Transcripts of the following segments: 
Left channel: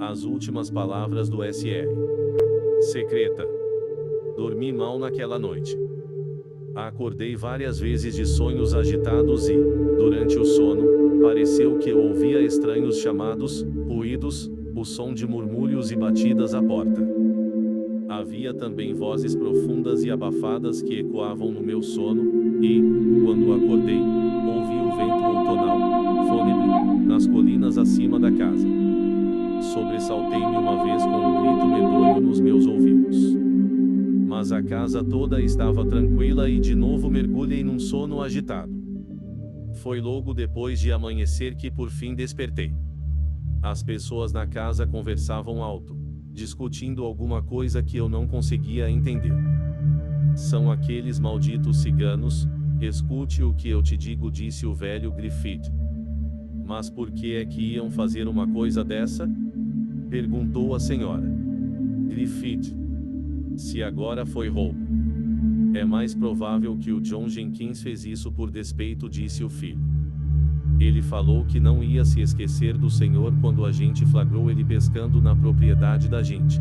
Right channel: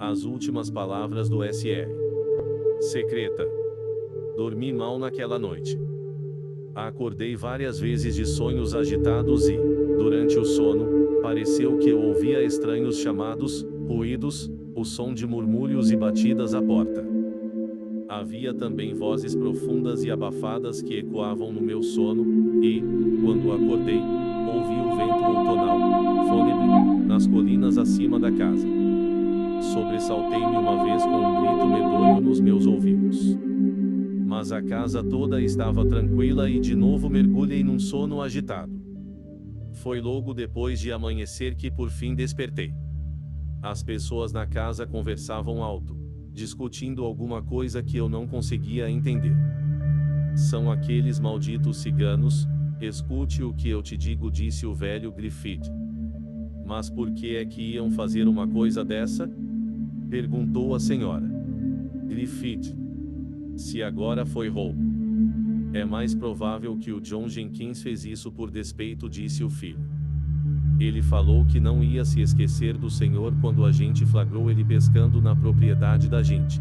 As últimas palavras do Sr. Secreta. Dormi mal naquela noite. Acordei várias vezes de sonhos agitados e, durante o sono, pareceu que eu ouvia estranhos chamados, ruídos, o som de murmúrios e batidas à porta. Havia também vozes profundas e abafadas que ecoavam no meu sono, e, quando acordei, ouvi o vento outonal, fúnebre, nas colinas acima da casa. Sobressaltei-me uma vez com um grito medonho nos meus ouvidos. Mas a casa toda estava tranquila e de novo mergulhei num sono agitado. Foi logo depois de amanhecer que por fim despertei. As pessoas na casa conversavam alto, discutindo alguma coisa que eu não conseguia entender. São aqueles malditos ciganos, escute o que eu te digo, disse o velho Griffith. Mas por que é que iam fazer uma coisa dessa? Perguntou a senhora Griffith. Se agora foi roubo, é mais provável que o John Jenkins fez isso por despeito, disse o filho. Ele falou que não ia se esquecer do senhor quando a gente flagrou ele pescando na propriedade da gente.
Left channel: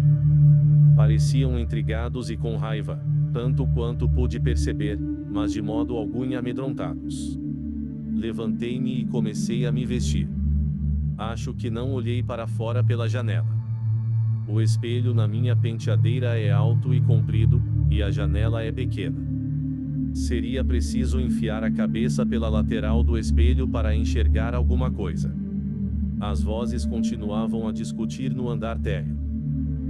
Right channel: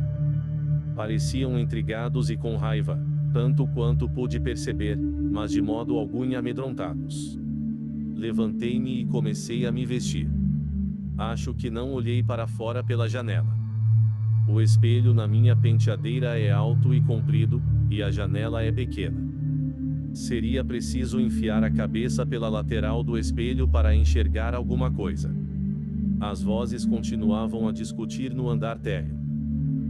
Pareciam intrigados e com raiva, tanto quanto pude perceber, mas de modo algum amedrontados. Levantei-me e comecei a me vestir. Acho que não olhei para fora pela janela. O espelho na minha penteadeira é alto e comprido, e a janela é pequena. Seria preciso enfiar a cabeça pela lateral do espelho para enxergar alguma coisa. As vozes continuavam a discutir no andar térreo.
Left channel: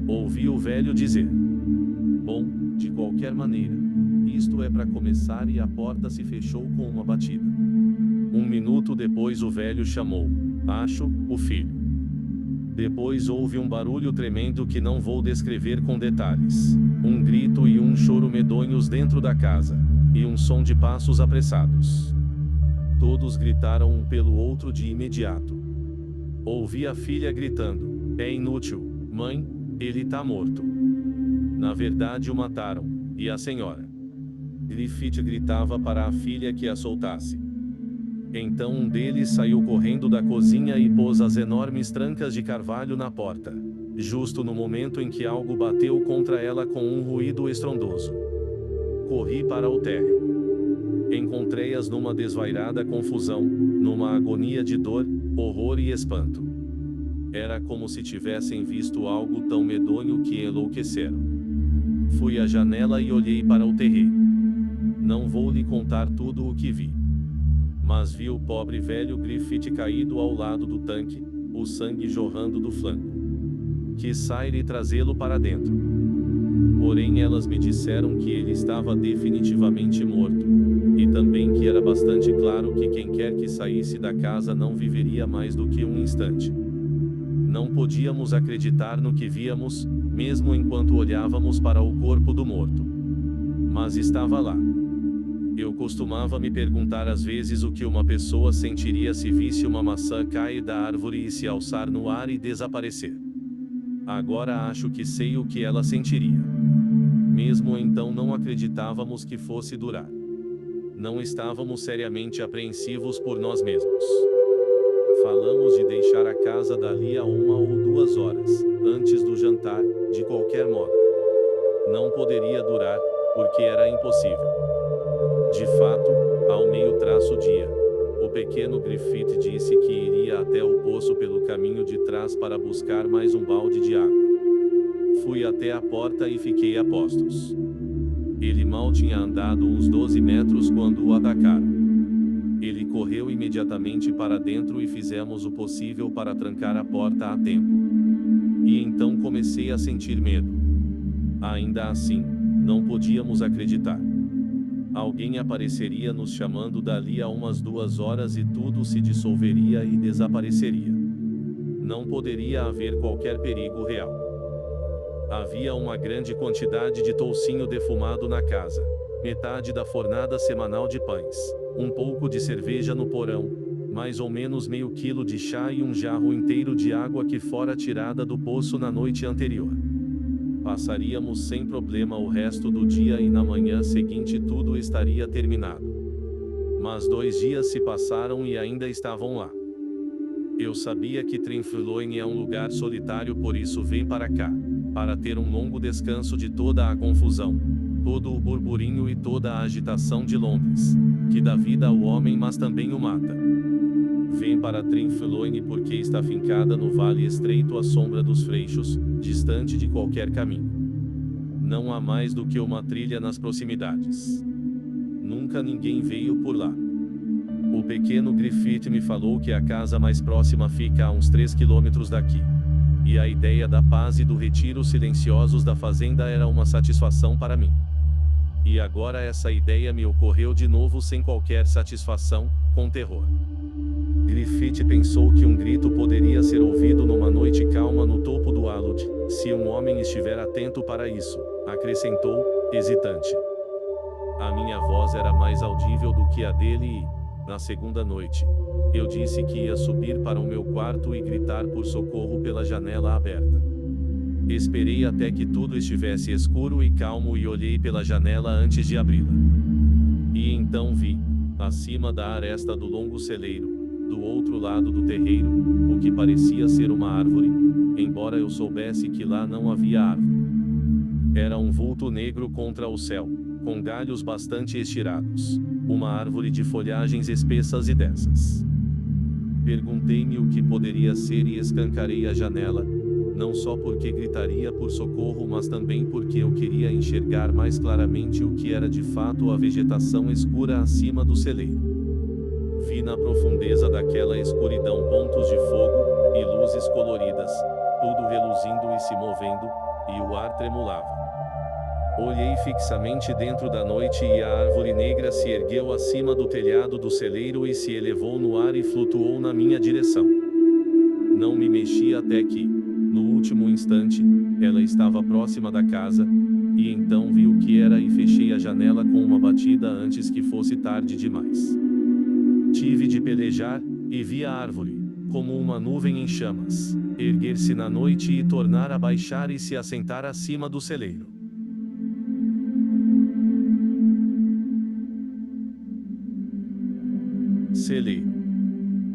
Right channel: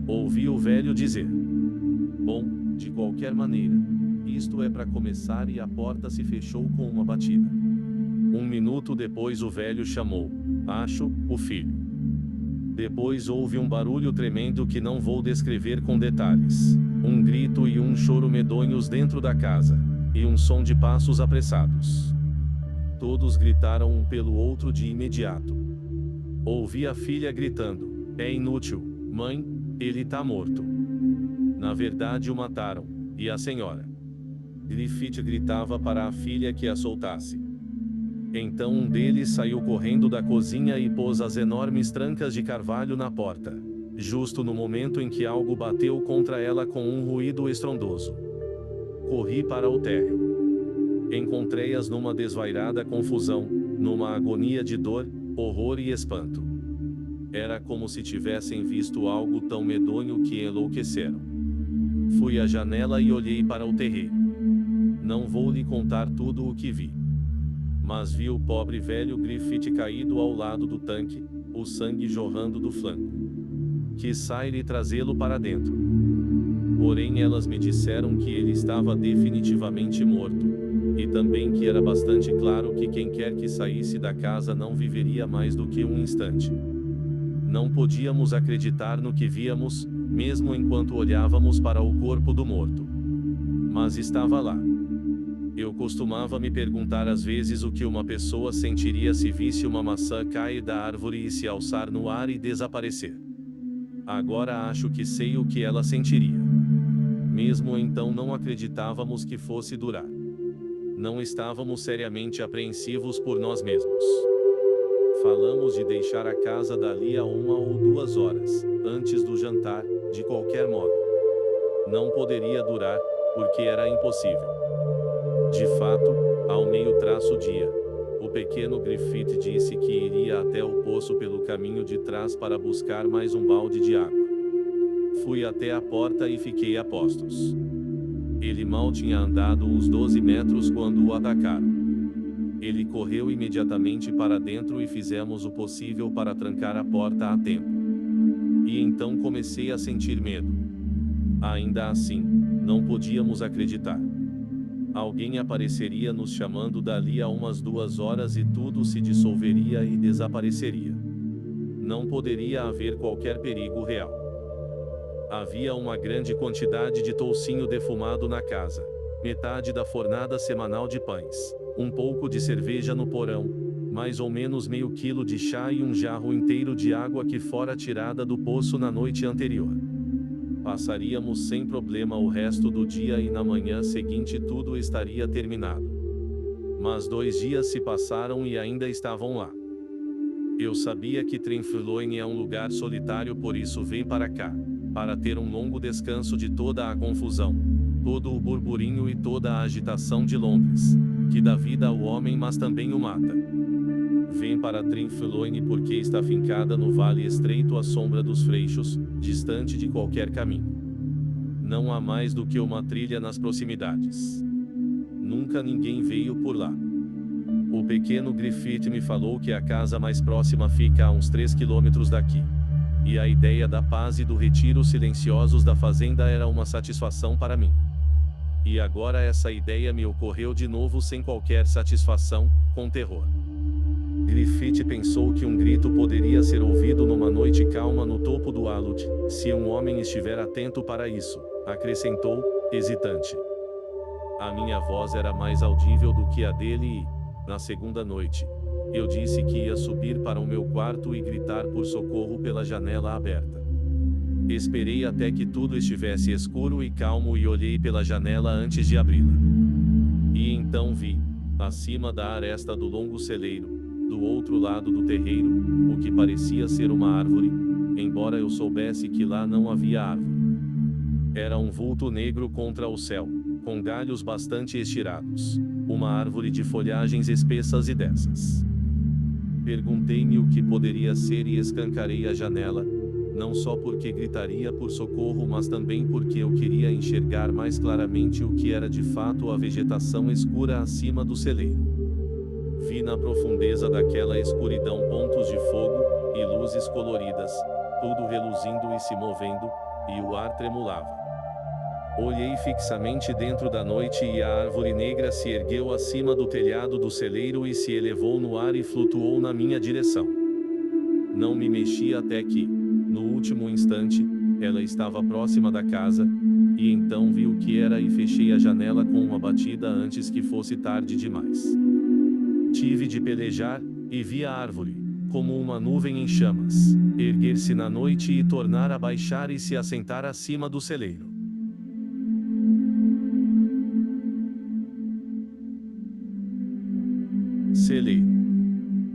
Ouvi o velho dizer: bom, de qualquer maneira, isto é para começar, e a porta se fechou com uma batida. Um minuto depois o velho chamou: acho, o filho. Depois houve um barulho tremendo que não vou descrever com detalhes. Um grito e um choro medonhos dentro da casa. E um som de passos apressados. Todos gritaram um pelo outro de imediato. Ouvi a filha gritando: é inútil, mãe, ele tá morto. Na verdade o mataram. E a senhora Griffith gritava para a filha que a soltasse. Então um deles saiu correndo da cozinha e pôs as enormes trancas de carvalho na porta, justo no momento em que algo bateu contra ela com um ruído estrondoso. Corri para o térreo. Encontrei-as numa desvairada confusão, numa agonia de dor, horror e espanto. Era como se tivessem visto algo tão medonho que enlouqueceram. Fui à janela e olhei para o terreiro. Não vou lhe contar tudo o que vi. Mas vi o pobre velho Griffith caído ao lado do tanque, o sangue jorrando do flanco. Quis sair e trazê-lo para dentro. Porém elas me disseram que ele estava definitivamente morto, e também que era bastante claro que quem quer que saísse da casa não viveria mais do que um instante. Não podíamos acreditar no que víamos, mesmo enquanto olhávamos para o corpo do morto. Mas estava lá. Eu costumava me perguntar às vezes o que uma pessoa sentiria se visse uma maçã cair da árvore e se alçar no ar e desaparecer. Agora acho que sei o que ela sentiria. Mesmo então não acreditávamos que fosse durar. Não estávamos seriamente apreensivos por nós mesmos. Falamos de deixar a casa dali a 1 ou 2 horas, antes do jantar, de qualquer modo. Não poderia durar, porque era impossível. De fato, ao meio-dia, o pequeno Griffith disse que iria até o poço pelo caminho de trás para buscar mais um balde de água. Fui até a porta e fiquei a postos. Ele mal tinha andado uns 12 metros quando o atacaram. Ele correu imediatamente para dentro e fizemos o possível para trancar a porta a tempo. E então comecei a sentir medo. Ainda assim, não podíamos acreditar. Alguém apareceria nos chamando dali a umas 2 horas e tudo se dissolveria e desapareceria. Não poderia haver qualquer perigo real. Havia uma grande quantidade de toucinho defumado na casa, metade da fornada semanal de pães, um pouco de cerveja no porão, mais ou menos meio quilo de chá e um jarro inteiro de água que fora tirada do poço na noite anterior. Passaríamos sem problema o resto do dia e na manhã seguinte tudo estaria terminado. Mas 2 dias se passaram e ainda estavam lá. Eu sabia que Trinfloine é um lugar solitário, por isso vem para cá, para ter um longo descanso de toda a confusão, todo o burburinho e toda a agitação de Londres, que dá vida ao homem mas também o mata. Vem para Trinfloine porque está fincada no vale estreito à sombra dos Freixos, distante de qualquer caminho. Não há mais do que uma trilha nas proximidades. Nunca ninguém veio por lá. O pequeno Griffith me falou que a casa mais próxima fica a uns 3 quilômetros daqui. E a ideia da paz e do retiro silenciosos da fazenda era uma satisfação para mim. E agora essa ideia me ocorreu de novo sem qualquer satisfação, com terror. Griffith pensou que um grito poderia ser ouvido numa noite calma no topo do alud, se um homem estiver atento para isso, acrescentou, hesitante. A minha voz era mais audível do que a dele e, na segunda noite, eu disse que ia subir para o meu quarto e gritar por socorro pela janela aberta. Esperei até que tudo estivesse escuro e calmo e olhei pela janela antes de abri-la. E então vi, acima da aresta do longo celeiro, do outro lado do terreiro, o que parecia ser uma árvore, embora eu soubesse que lá não havia árvore. Era um vulto negro contra o céu, com galhos bastante estirados, uma árvore de folhagens espessas e densas. Perguntei-me o que poderia ser e escancarei a janela, não só porque gritaria por socorro mas também porque eu queria enxergar mais claramente o que era de fato a vegetação escura acima do celeiro. Vi na profundeza daquela escuridão pontos de fogo, e luzes coloridas, tudo reluzindo e se movendo, e o ar tremulava. Olhei fixamente dentro da noite e a árvore negra se ergueu acima do telhado do celeiro e se elevou no ar e flutuou na minha direção. Não me mexi até que, no último instante, ela estava próxima da casa, e então vi o que era e fechei a janela com uma batida antes que fosse tarde demais. Tive de pelejar, e vi a árvore, como uma nuvem em chamas, erguer-se na noite e tornar a baixar e se assentar acima do celeiro. Celeiro.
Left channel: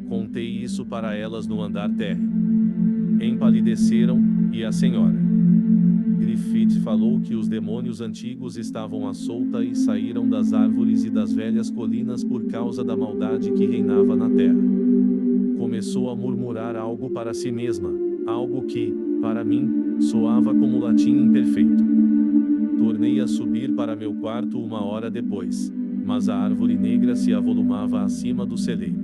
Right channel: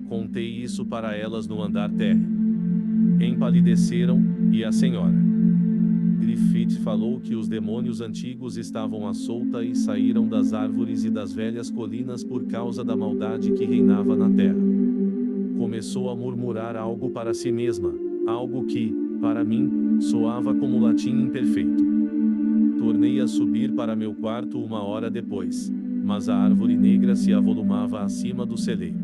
Contei isso para elas no andar térreo. Empalideceram, e a senhora Griffith falou que os demônios antigos estavam à solta e saíram das árvores e das velhas colinas por causa da maldade que reinava na terra. Começou a murmurar algo para si mesma, algo que, para mim, soava como latim imperfeito. Tornei a subir para meu quarto uma hora depois, mas a árvore negra se avolumava acima do celeiro.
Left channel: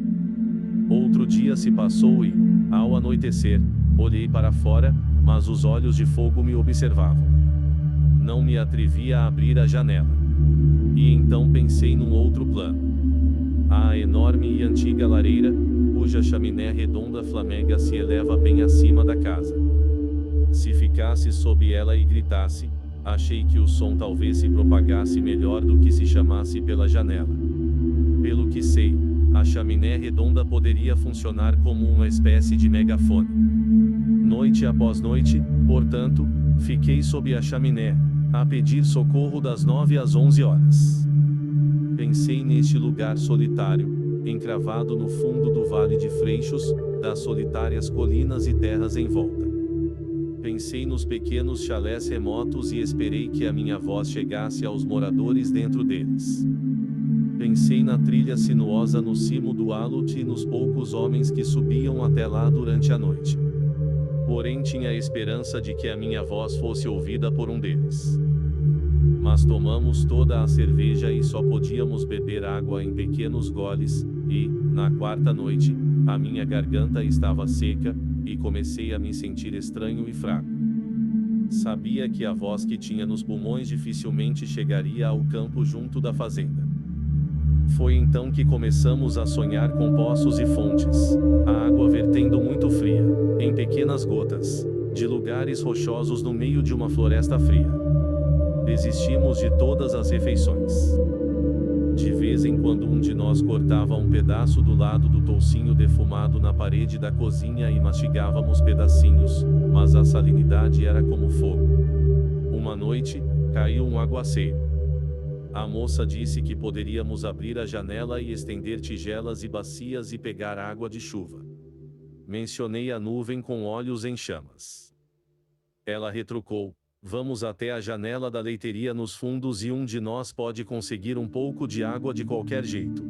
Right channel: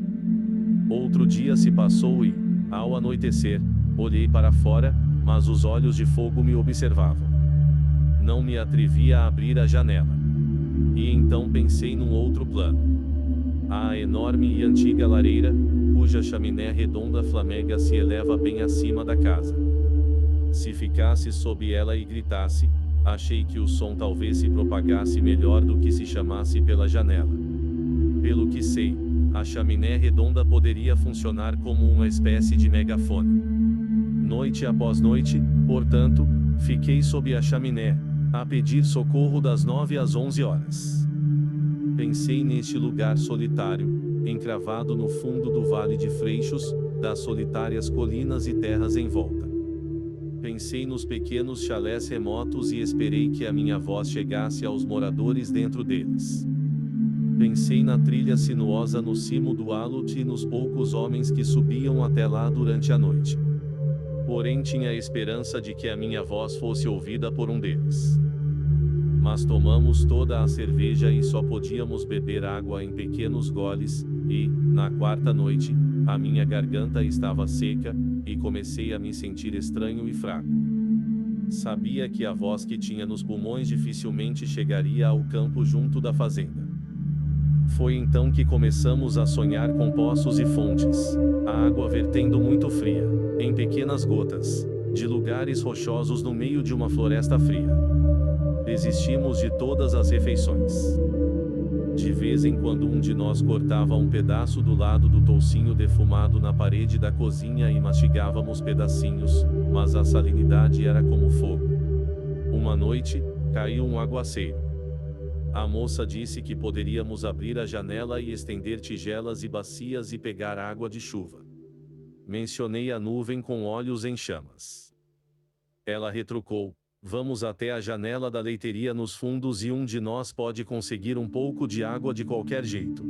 Outro dia se passou e, ao anoitecer, olhei para fora, mas os olhos de fogo me observavam. Não me atrevia a abrir a janela. E então pensei num outro plano. A enorme e antiga lareira, cuja chaminé redonda flamega se eleva bem acima da casa. Se ficasse sob ela e gritasse, achei que o som talvez se propagasse melhor do que se chamasse pela janela. Pelo que sei, a chaminé redonda poderia funcionar como uma espécie de megafone. Noite após noite, portanto, fiquei sob a chaminé, a pedir socorro das 9 às 11 horas. Pensei neste lugar solitário, encravado no fundo do Vale de Freixos, das solitárias colinas e terras em volta. Pensei nos pequenos chalés remotos e esperei que a minha voz chegasse aos moradores dentro deles. Pensei na trilha sinuosa no cimo do alud e nos poucos homens que subiam até lá durante a noite. Porém tinha a esperança de que a minha voz fosse ouvida por um deles. Mas tomamos toda a cerveja e só podíamos beber água em pequenos goles, e, na quarta noite, a minha garganta estava seca, e comecei a me sentir estranho e fraco. Sabia que a voz que tinha nos pulmões dificilmente chegaria ao campo junto da fazenda. Foi então que começamos a sonhar com poços e fontes, a água vertendo muito fria, em pequenas gotas, de lugares rochosos no meio de uma floresta fria. Desistimos de todas as refeições. De vez em quando um de nós cortava um pedaço do lado do toucinho defumado na parede da cozinha e mastigávamos pedacinhos, mas a salinidade era como fogo. Uma noite, caiu um aguaceiro. A moça disse que poderíamos abrir a janela e estender tigelas e bacias e pegar água de chuva. Mencionei a nuvem com olhos em chamas. Ela retrucou: vamos até a janela da leiteria nos fundos e um de nós pode conseguir um pouco de água de qualquer jeito.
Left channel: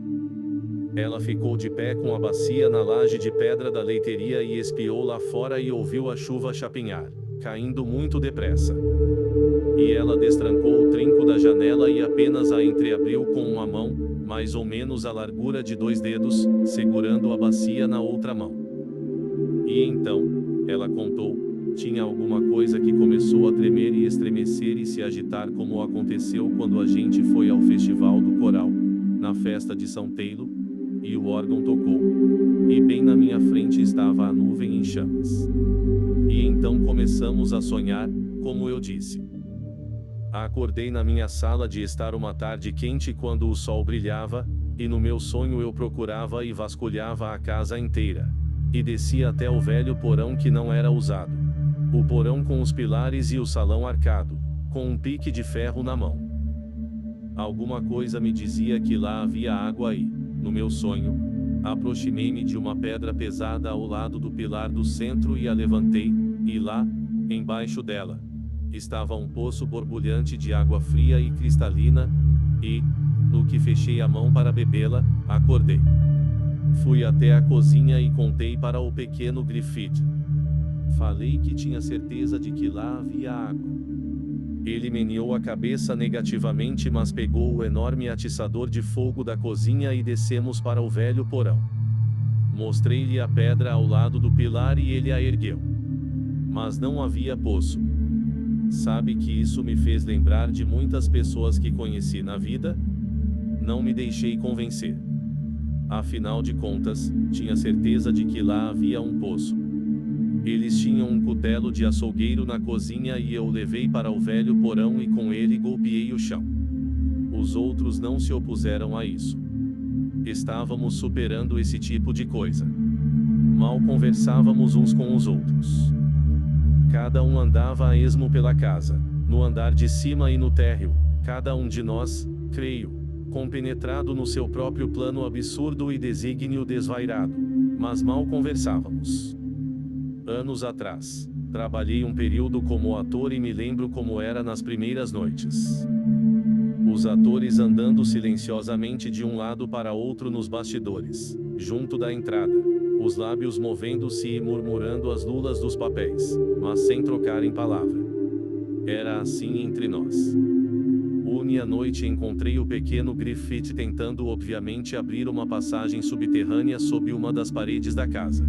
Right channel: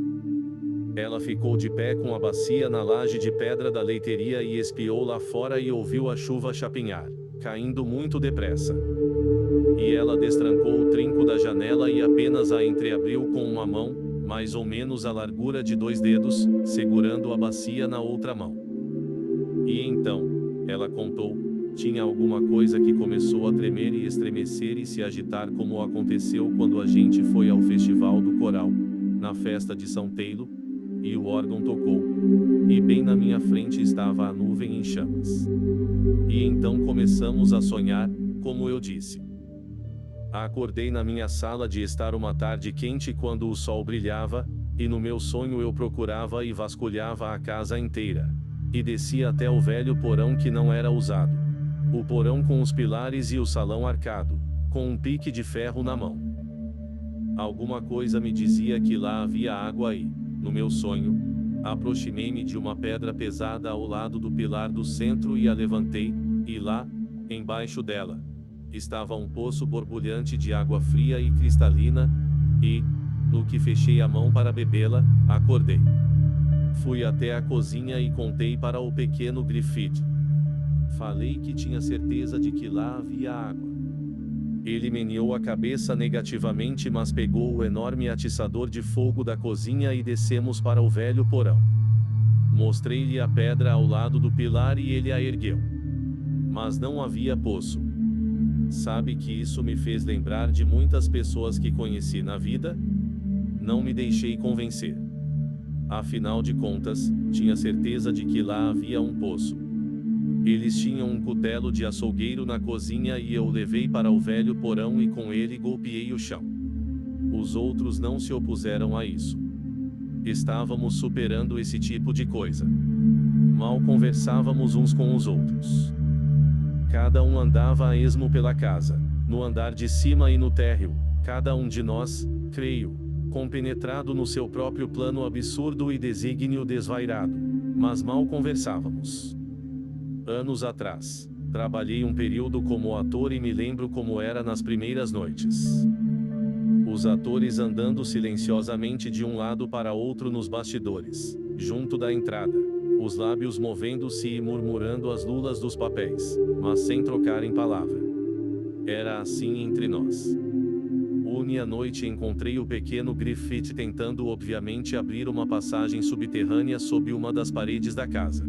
Ela ficou de pé com a bacia na laje de pedra da leiteria e espiou lá fora e ouviu a chuva chapinhar, caindo muito depressa. E ela destrancou o trinco da janela e apenas a entreabriu com uma mão, mais ou menos a largura de 2 dedos, segurando a bacia na outra mão. E então, ela contou, tinha alguma coisa que começou a tremer e estremecer e se agitar como aconteceu quando a gente foi ao festival do coral, na festa de São Teilo, e o órgão tocou. E bem na minha frente estava a nuvem em chamas. E então começamos a sonhar, como eu disse. Acordei na minha sala de estar uma tarde quente quando o sol brilhava, e no meu sonho eu procurava e vasculhava a casa inteira. E descia até o velho porão que não era usado. O porão com os pilares e o salão arcado, com um pique de ferro na mão. Alguma coisa me dizia que lá havia água e, no meu sonho, aproximei-me de uma pedra pesada ao lado do pilar do centro e a levantei, e lá, embaixo dela, estava um poço borbulhante de água fria e cristalina, e, no que fechei a mão para bebê-la, acordei. Fui até a cozinha e contei para o pequeno Griffith. Falei que tinha certeza de que lá havia água. Ele meneou a cabeça negativamente, mas pegou o enorme atiçador de fogo da cozinha e descemos para o velho porão. Mostrei-lhe a pedra ao lado do pilar e ele a ergueu. Mas não havia poço. Sabe que isso me fez lembrar de muitas pessoas que conheci na vida? Não me deixei convencer. Afinal de contas, tinha certeza de que lá havia um poço. Eles tinham um cutelo de açougueiro na cozinha e eu o levei para o velho porão e com ele golpeei o chão. Os outros não se opuseram a isso. Estávamos superando esse tipo de coisa. Mal conversávamos uns com os outros. Cada um andava a esmo pela casa, no andar de cima e no térreo, cada um de nós, creio, compenetrado no seu próprio plano absurdo e desígnio desvairado, mas mal conversávamos. Anos atrás, trabalhei um período como ator e me lembro como era nas primeiras noites. Os atores andando silenciosamente de um lado para outro nos bastidores, junto da entrada, os lábios movendo-se e murmurando as lulas dos papéis, mas sem trocarem palavra. Era assim entre nós. Une à noite encontrei o pequeno Griffith tentando obviamente abrir uma passagem subterrânea sob uma das paredes da casa.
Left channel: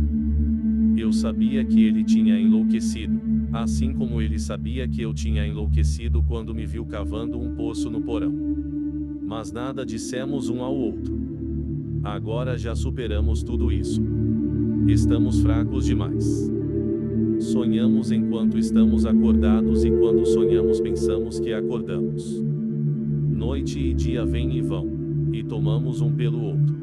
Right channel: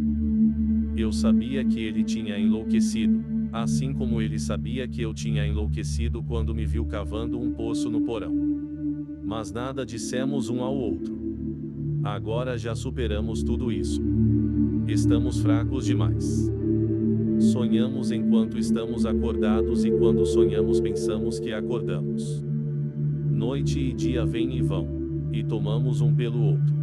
Eu sabia que ele tinha enlouquecido, assim como ele sabia que eu tinha enlouquecido quando me viu cavando um poço no porão. Mas nada dissemos um ao outro. Agora já superamos tudo isso. Estamos fracos demais. Sonhamos enquanto estamos acordados e quando sonhamos pensamos que acordamos. Noite e dia vêm e vão, e tomamos um pelo outro.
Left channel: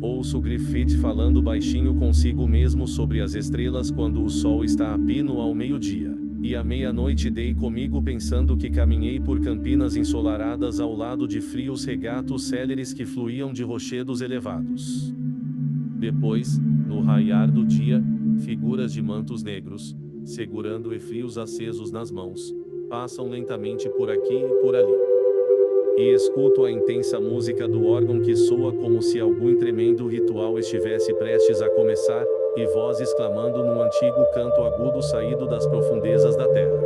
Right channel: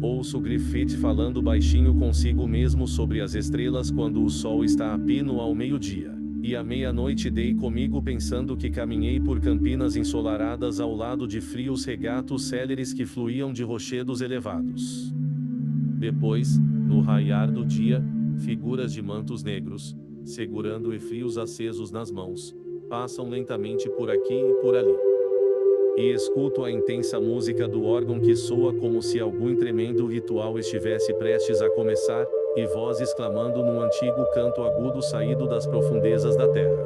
Ouço Griffith falando baixinho consigo mesmo sobre as estrelas quando o sol está a pino ao meio-dia, e à meia-noite dei comigo pensando que caminhei por campinas ensolaradas ao lado de frios regatos céleres que fluíam de rochedos elevados. Depois, no raiar do dia, figuras de mantos negros, segurando efrios acesos nas mãos, passam lentamente por aqui e por ali. E escuto a intensa música do órgão que soa como se algum tremendo ritual estivesse prestes a começar, e vozes clamando num antigo canto agudo saído das profundezas da terra.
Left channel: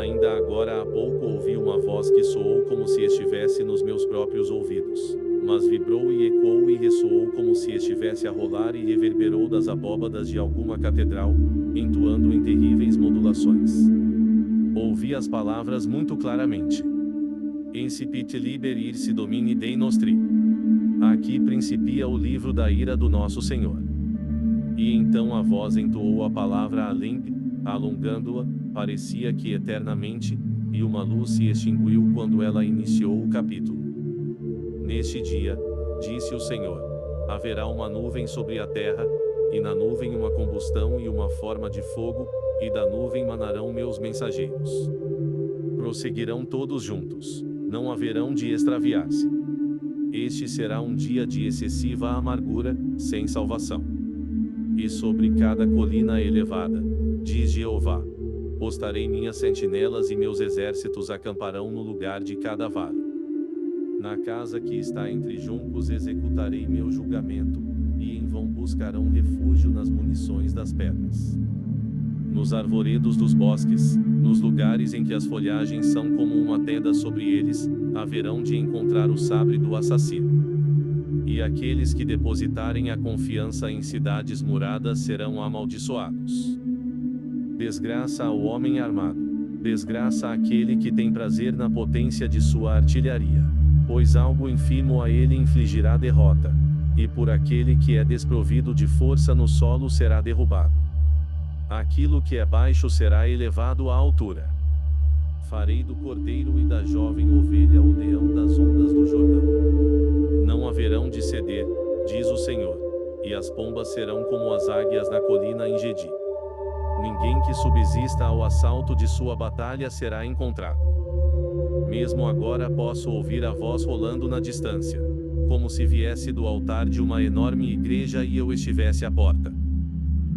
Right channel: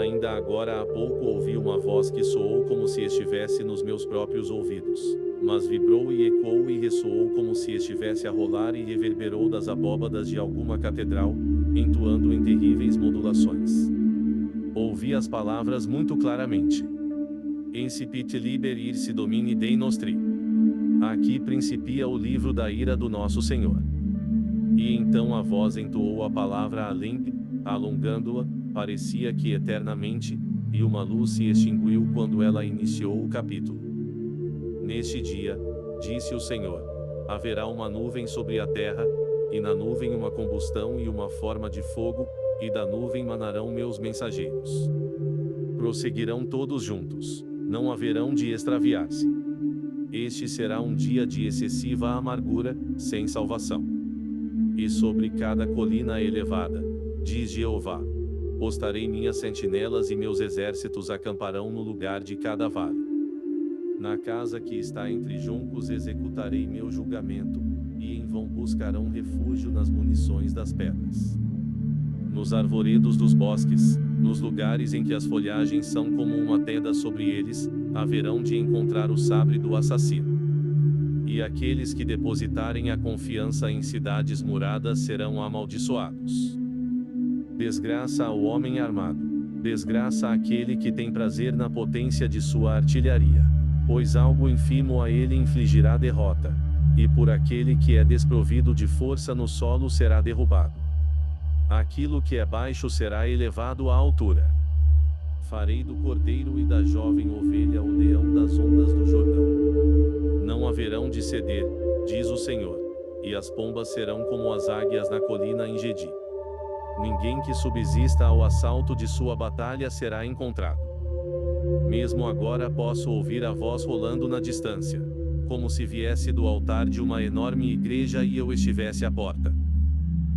Ainda agora há pouco ouvi uma voz que soou como se estivesse nos meus próprios ouvidos, mas vibrou e ecoou e ressoou como se estivesse a rolar e reverberou das abóbadas de alguma catedral, entoando em terríveis modulações. Ouvi as palavras muito claramente. Incipit liber irse domini Dei nostri. Aqui principia o livro da ira do nosso Senhor. E então a voz entoou a palavra Alemp, alongando-a, parecia que eternamente, e uma luz se extinguiu quando ela iniciou o capítulo. Neste dia, disse o Senhor, haverá uma nuvem sobre a terra, e na nuvem uma combustão e uma forma de fogo, e da nuvem manarão meus mensageiros. Prosseguirão todos juntos. Não haverão de extraviar-se. Este será um dia de excessiva amargura, sem salvação. E sobre cada colina elevada, diz Jeová, postarei minhas sentinelas e meus exércitos acamparão no lugar de cada vale. Na casa que está entre juncos executarei meu julgamento, e em vão buscarão refúgio nas munições das pedras. Nos arvoredos dos bosques, nos lugares em que as folhagens são como uma tenda sobre eles, haverão de encontrar o sabre do assassino. E aqueles que depositarem a confiança em cidades muradas serão amaldiçoados. Desgraça ao homem armado, desgraça àquele que tem prazer na potência de sua artilharia, pois algo ínfimo a ele infligirá derrota, e por aquele que é desprovido de força no solo será derrubado. Aquilo que é baixo será elevado à altura. Farei do cordeiro e da jovem ovelha o leão das ondas do Jordão. Não haverão de ceder, diz o Senhor, e as pombas serão como as águias na colina em Gedi. Ninguém que subsista ao assalto de sua batalha será encontrado. Mesmo agora posso ouvir a voz rolando na distância, como se viesse do altar de uma enorme igreja e eu estivesse à porta.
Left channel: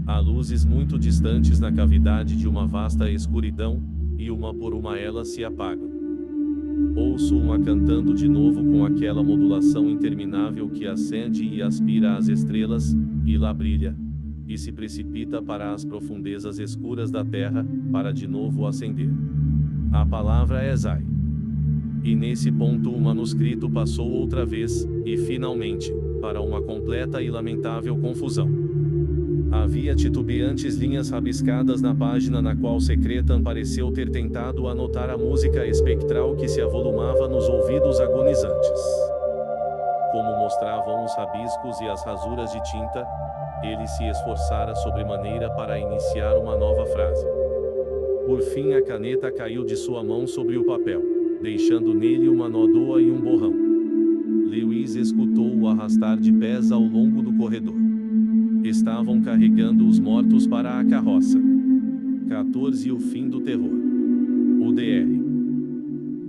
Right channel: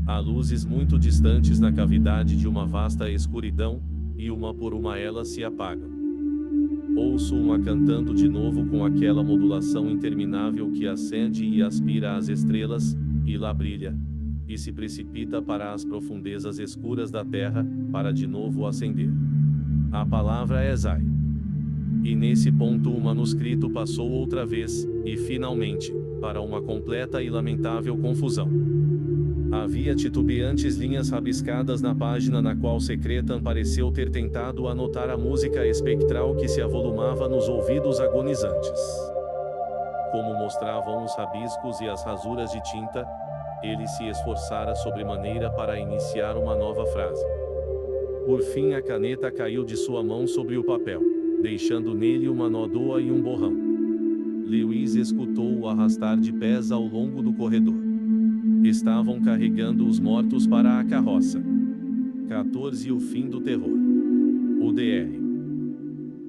Há luzes muito distantes na cavidade de uma vasta escuridão, e uma por uma elas se apagam. Ouço uma cantando de novo com aquela modulação interminável que acende e aspira as estrelas, e lá brilha, e se precipita para as profundezas escuras da terra, para de novo acender. A palavra é Zai. E nesse ponto o manuscrito passou outra vez, e finalmente, para uma completa e lamentável confusão. Havia titubeantes linhas rabiscadas na página na qual Secretan pareceu ter tentado anotar a música espectral que se avolumava nos ouvidos agonizantes. Como mostravam os rabiscos e as rasuras de tinta, ele se esforçara sobremaneira para iniciar uma nova frase. Por fim a caneta caiu de sua mão sobre o papel, deixando nele uma nódoa e um borrão. Lewis escutou-o arrastar de pés ao longo do corredor. Estavam carregando os mortos para a carroça. 14 O fim do terror. O Dr.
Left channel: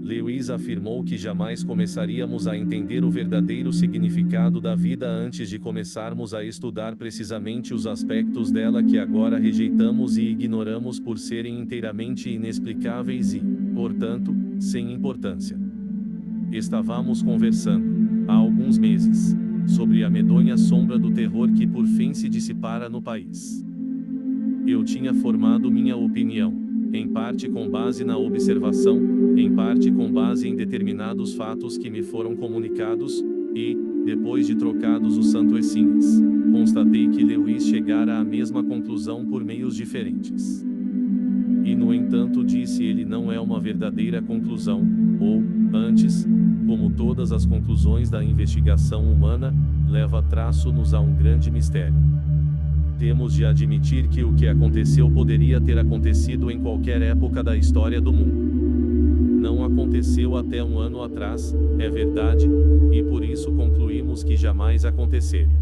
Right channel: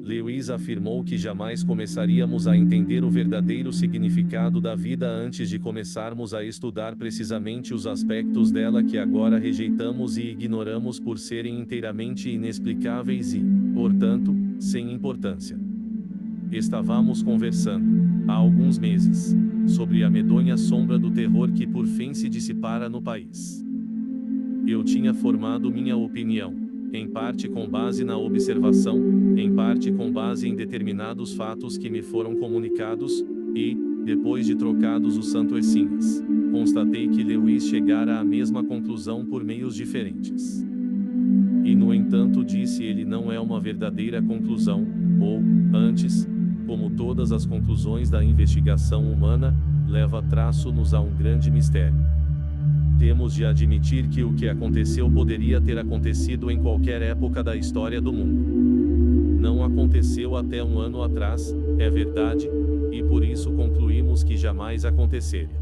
Lewis afirmou que jamais começaríamos a entender o verdadeiro significado da vida antes de começarmos a estudar precisamente os aspectos dela que agora rejeitamos e ignoramos por serem inteiramente inexplicáveis e, portanto, sem importância. Estávamos conversando, há alguns meses, sobre a medonha sombra do terror que por fim se dissipara no país. Eu tinha formado minha opinião, em parte com base na observação, em parte com base em determinados fatos que me foram comunicados, e, depois de trocados os santoecinhas, constatei que Lewis chegara à mesma conclusão por meios diferentes. E no entanto disse ele não é uma verdadeira conclusão, ou, antes, como todas as conclusões da investigação humana, leva traço-nos a um grande mistério. Temos de admitir que o que aconteceu poderia ter acontecido em qualquer época da história do mundo. Não aconteceu até um ano atrás, é verdade, e por isso concluímos que jamais aconteceria.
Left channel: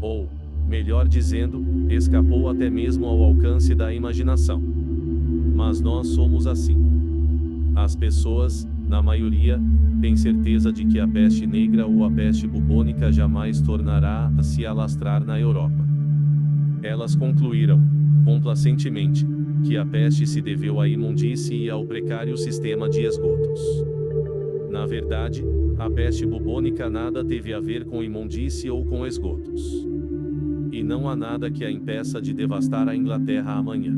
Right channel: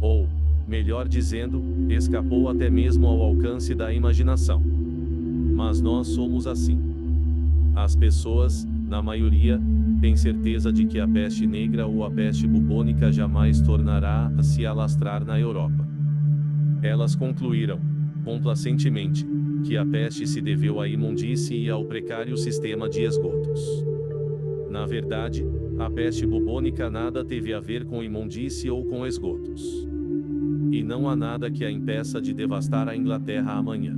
Ou, melhor dizendo, escapou até mesmo ao alcance da imaginação. Mas nós somos assim. As pessoas, na maioria, têm certeza de que a peste negra ou a peste bubônica jamais tornará a se alastrar na Europa. Elas concluíram, complacentemente, que a peste se deveu à imundície e ao precário sistema de esgotos. Na verdade, a peste bubônica nada teve a ver com imundície ou com esgotos. E não há nada que a impeça de devastar a Inglaterra amanhã.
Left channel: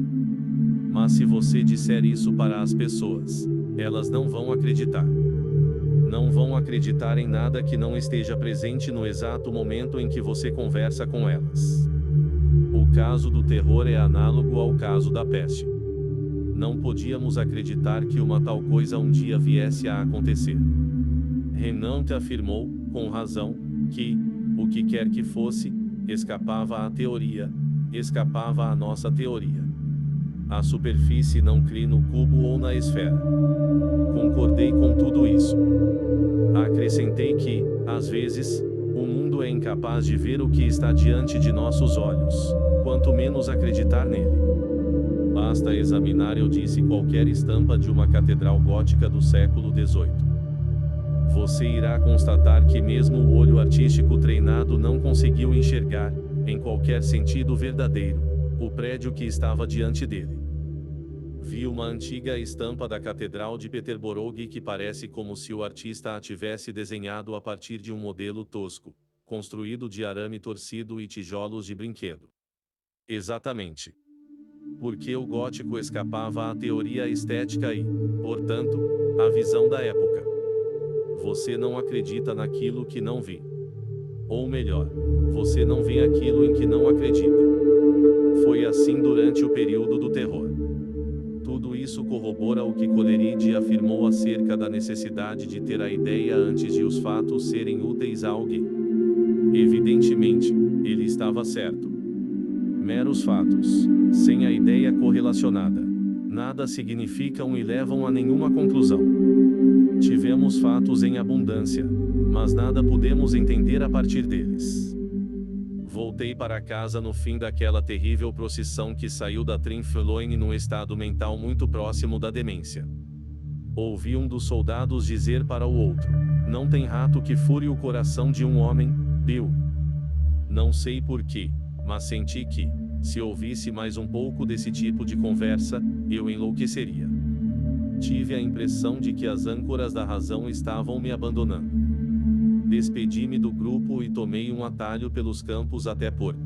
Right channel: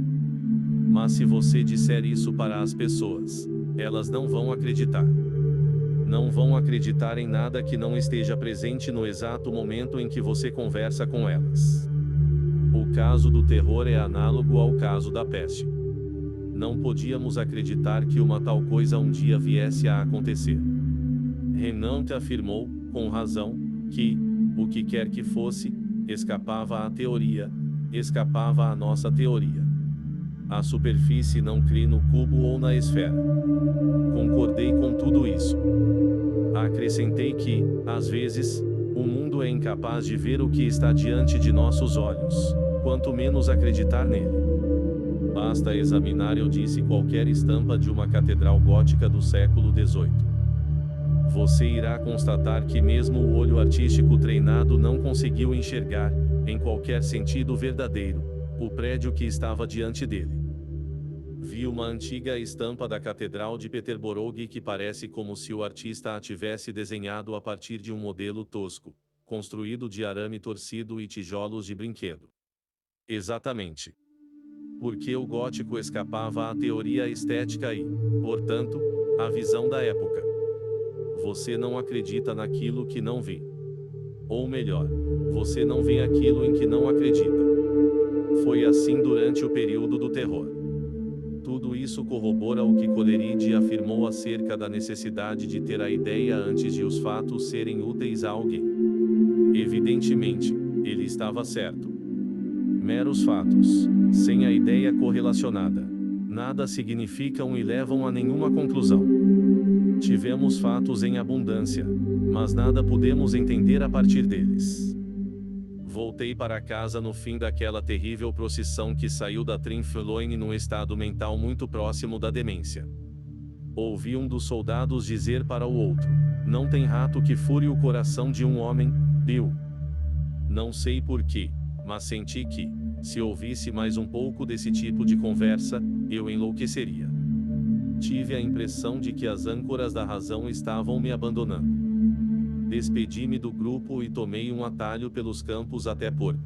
Mas se você disser isso para as pessoas, elas não vão acreditar. Não vão acreditar em nada que não esteja presente no exato momento em que você conversa com elas. O caso do terror é análogo ao caso da peste. Não podíamos acreditar que uma tal coisa um dia viesse a acontecer. Renan afirmou, com razão, que, o que quer que fosse, escapava à teoria, escapava à nossa teoria. A superfície não crie no cubo ou na esfera. Concordei com tudo isso. Acrescentei que, às vezes, o mundo é incapaz de ver o que está diante de nossos olhos, quanto menos acreditar nele. Basta examinar, eu disse, qualquer estampa de uma catedral gótica do século XVIII. Você irá constatar que mesmo o olho artístico treinado não conseguiu enxergar, em qualquer sentido verdadeiro, o prédio que estava diante dele. Vi uma antiga estampa da Catedral de Peterborough que parece como se o artista a tivesse desenhado a partir de um modelo tosco, construído de arame torcido e tijolos de brinquedo. Exatamente. Porque o gótico escapava à teoria estética e, portanto, à visão da época. Você não acredita naquilo que não vê. Ou melhor, você não vê aquilo em que não acredita. Foi assim durante o período do terror. Tudo isso corrobora o que Coleridge afirmou acerca da necessidade de ter a ideia antes de os fatos serem úteis a alguém. Evidentemente, ele estava certo. Meros fatos, sem a ideia correlacionada, nada significam e levam a nenhuma conclusão. Tivemos fatos em abundância, mas nada podemos entender a partir deles. Voltei para casa no fim daquela terrível procissão que saiu da Trinfloine num estado mental muito próximo da demência. Ouvi um dos soldados dizer para o outro: "Não tem rato que fure o coração de um homem, Bill." Não sei porquê, mas senti que, se ouvisse mais um pouco desse tipo de conversa, eu enlouqueceria. Tive a impressão de que as âncoras da razão estavam me abandonando. Despedi-me do grupo e tomei um atalho pelos campos até Porto.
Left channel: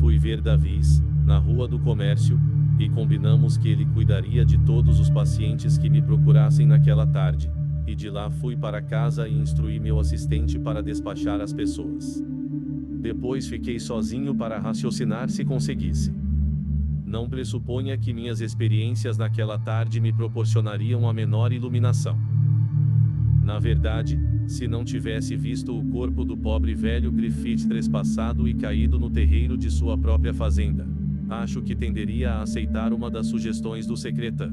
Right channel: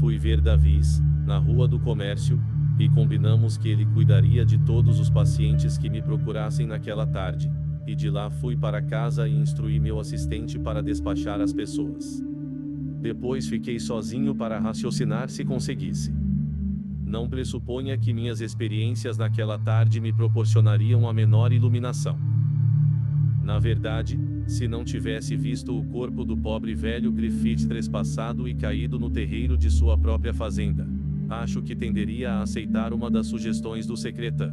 Fui ver Davis, na Rua do Comércio, e combinamos que ele cuidaria de todos os pacientes que me procurassem naquela tarde, e de lá fui para casa e instruí meu assistente para despachar as pessoas. Depois fiquei sozinho para raciocinar se conseguisse. Não pressuponha que minhas experiências naquela tarde me proporcionariam a menor iluminação. Na verdade, se não tivesse visto o corpo do pobre velho Griffith trespassado e caído no terreiro de sua própria fazenda, acho que tenderia a aceitar uma das sugestões do secretã,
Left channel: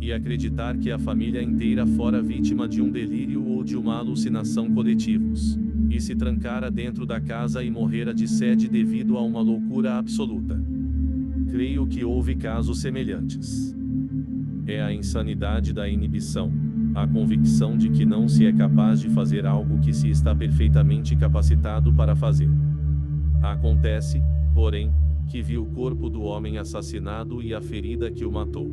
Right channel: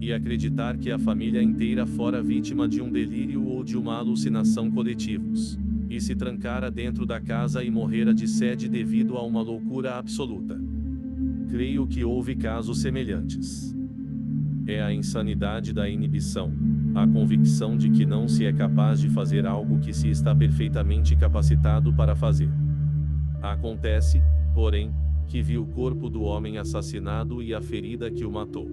e acreditar que a família inteira fora vítima de um delírio ou de uma alucinação coletivos, e se trancara dentro da casa e morrera de sede devido a uma loucura absoluta. Creio que houve casos semelhantes. É a insanidade da inibição, a convicção de que não se é capaz de fazer algo que se está perfeitamente capacitado para fazer. Acontece, porém, que vi o corpo do homem assassinado e a ferida que o matou.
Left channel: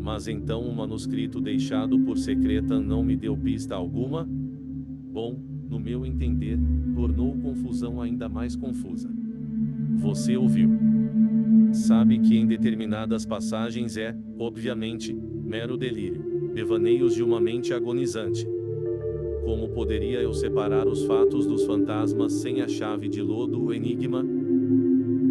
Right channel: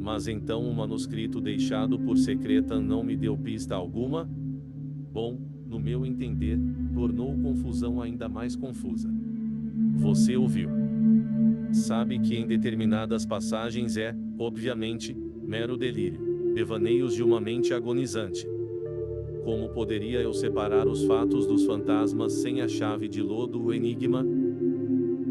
Mas então o manuscrito deixado por Secretan não me deu pista alguma? Bom, no meu entender, tornou confusão ainda mais confusa. Você ouviu. Sabe que em determinadas passagens é, obviamente, mero delírio, devaneios de uma mente agonizante. Como poderia eu separar os fatos dos fantasmas sem a chave de lodo o enigma?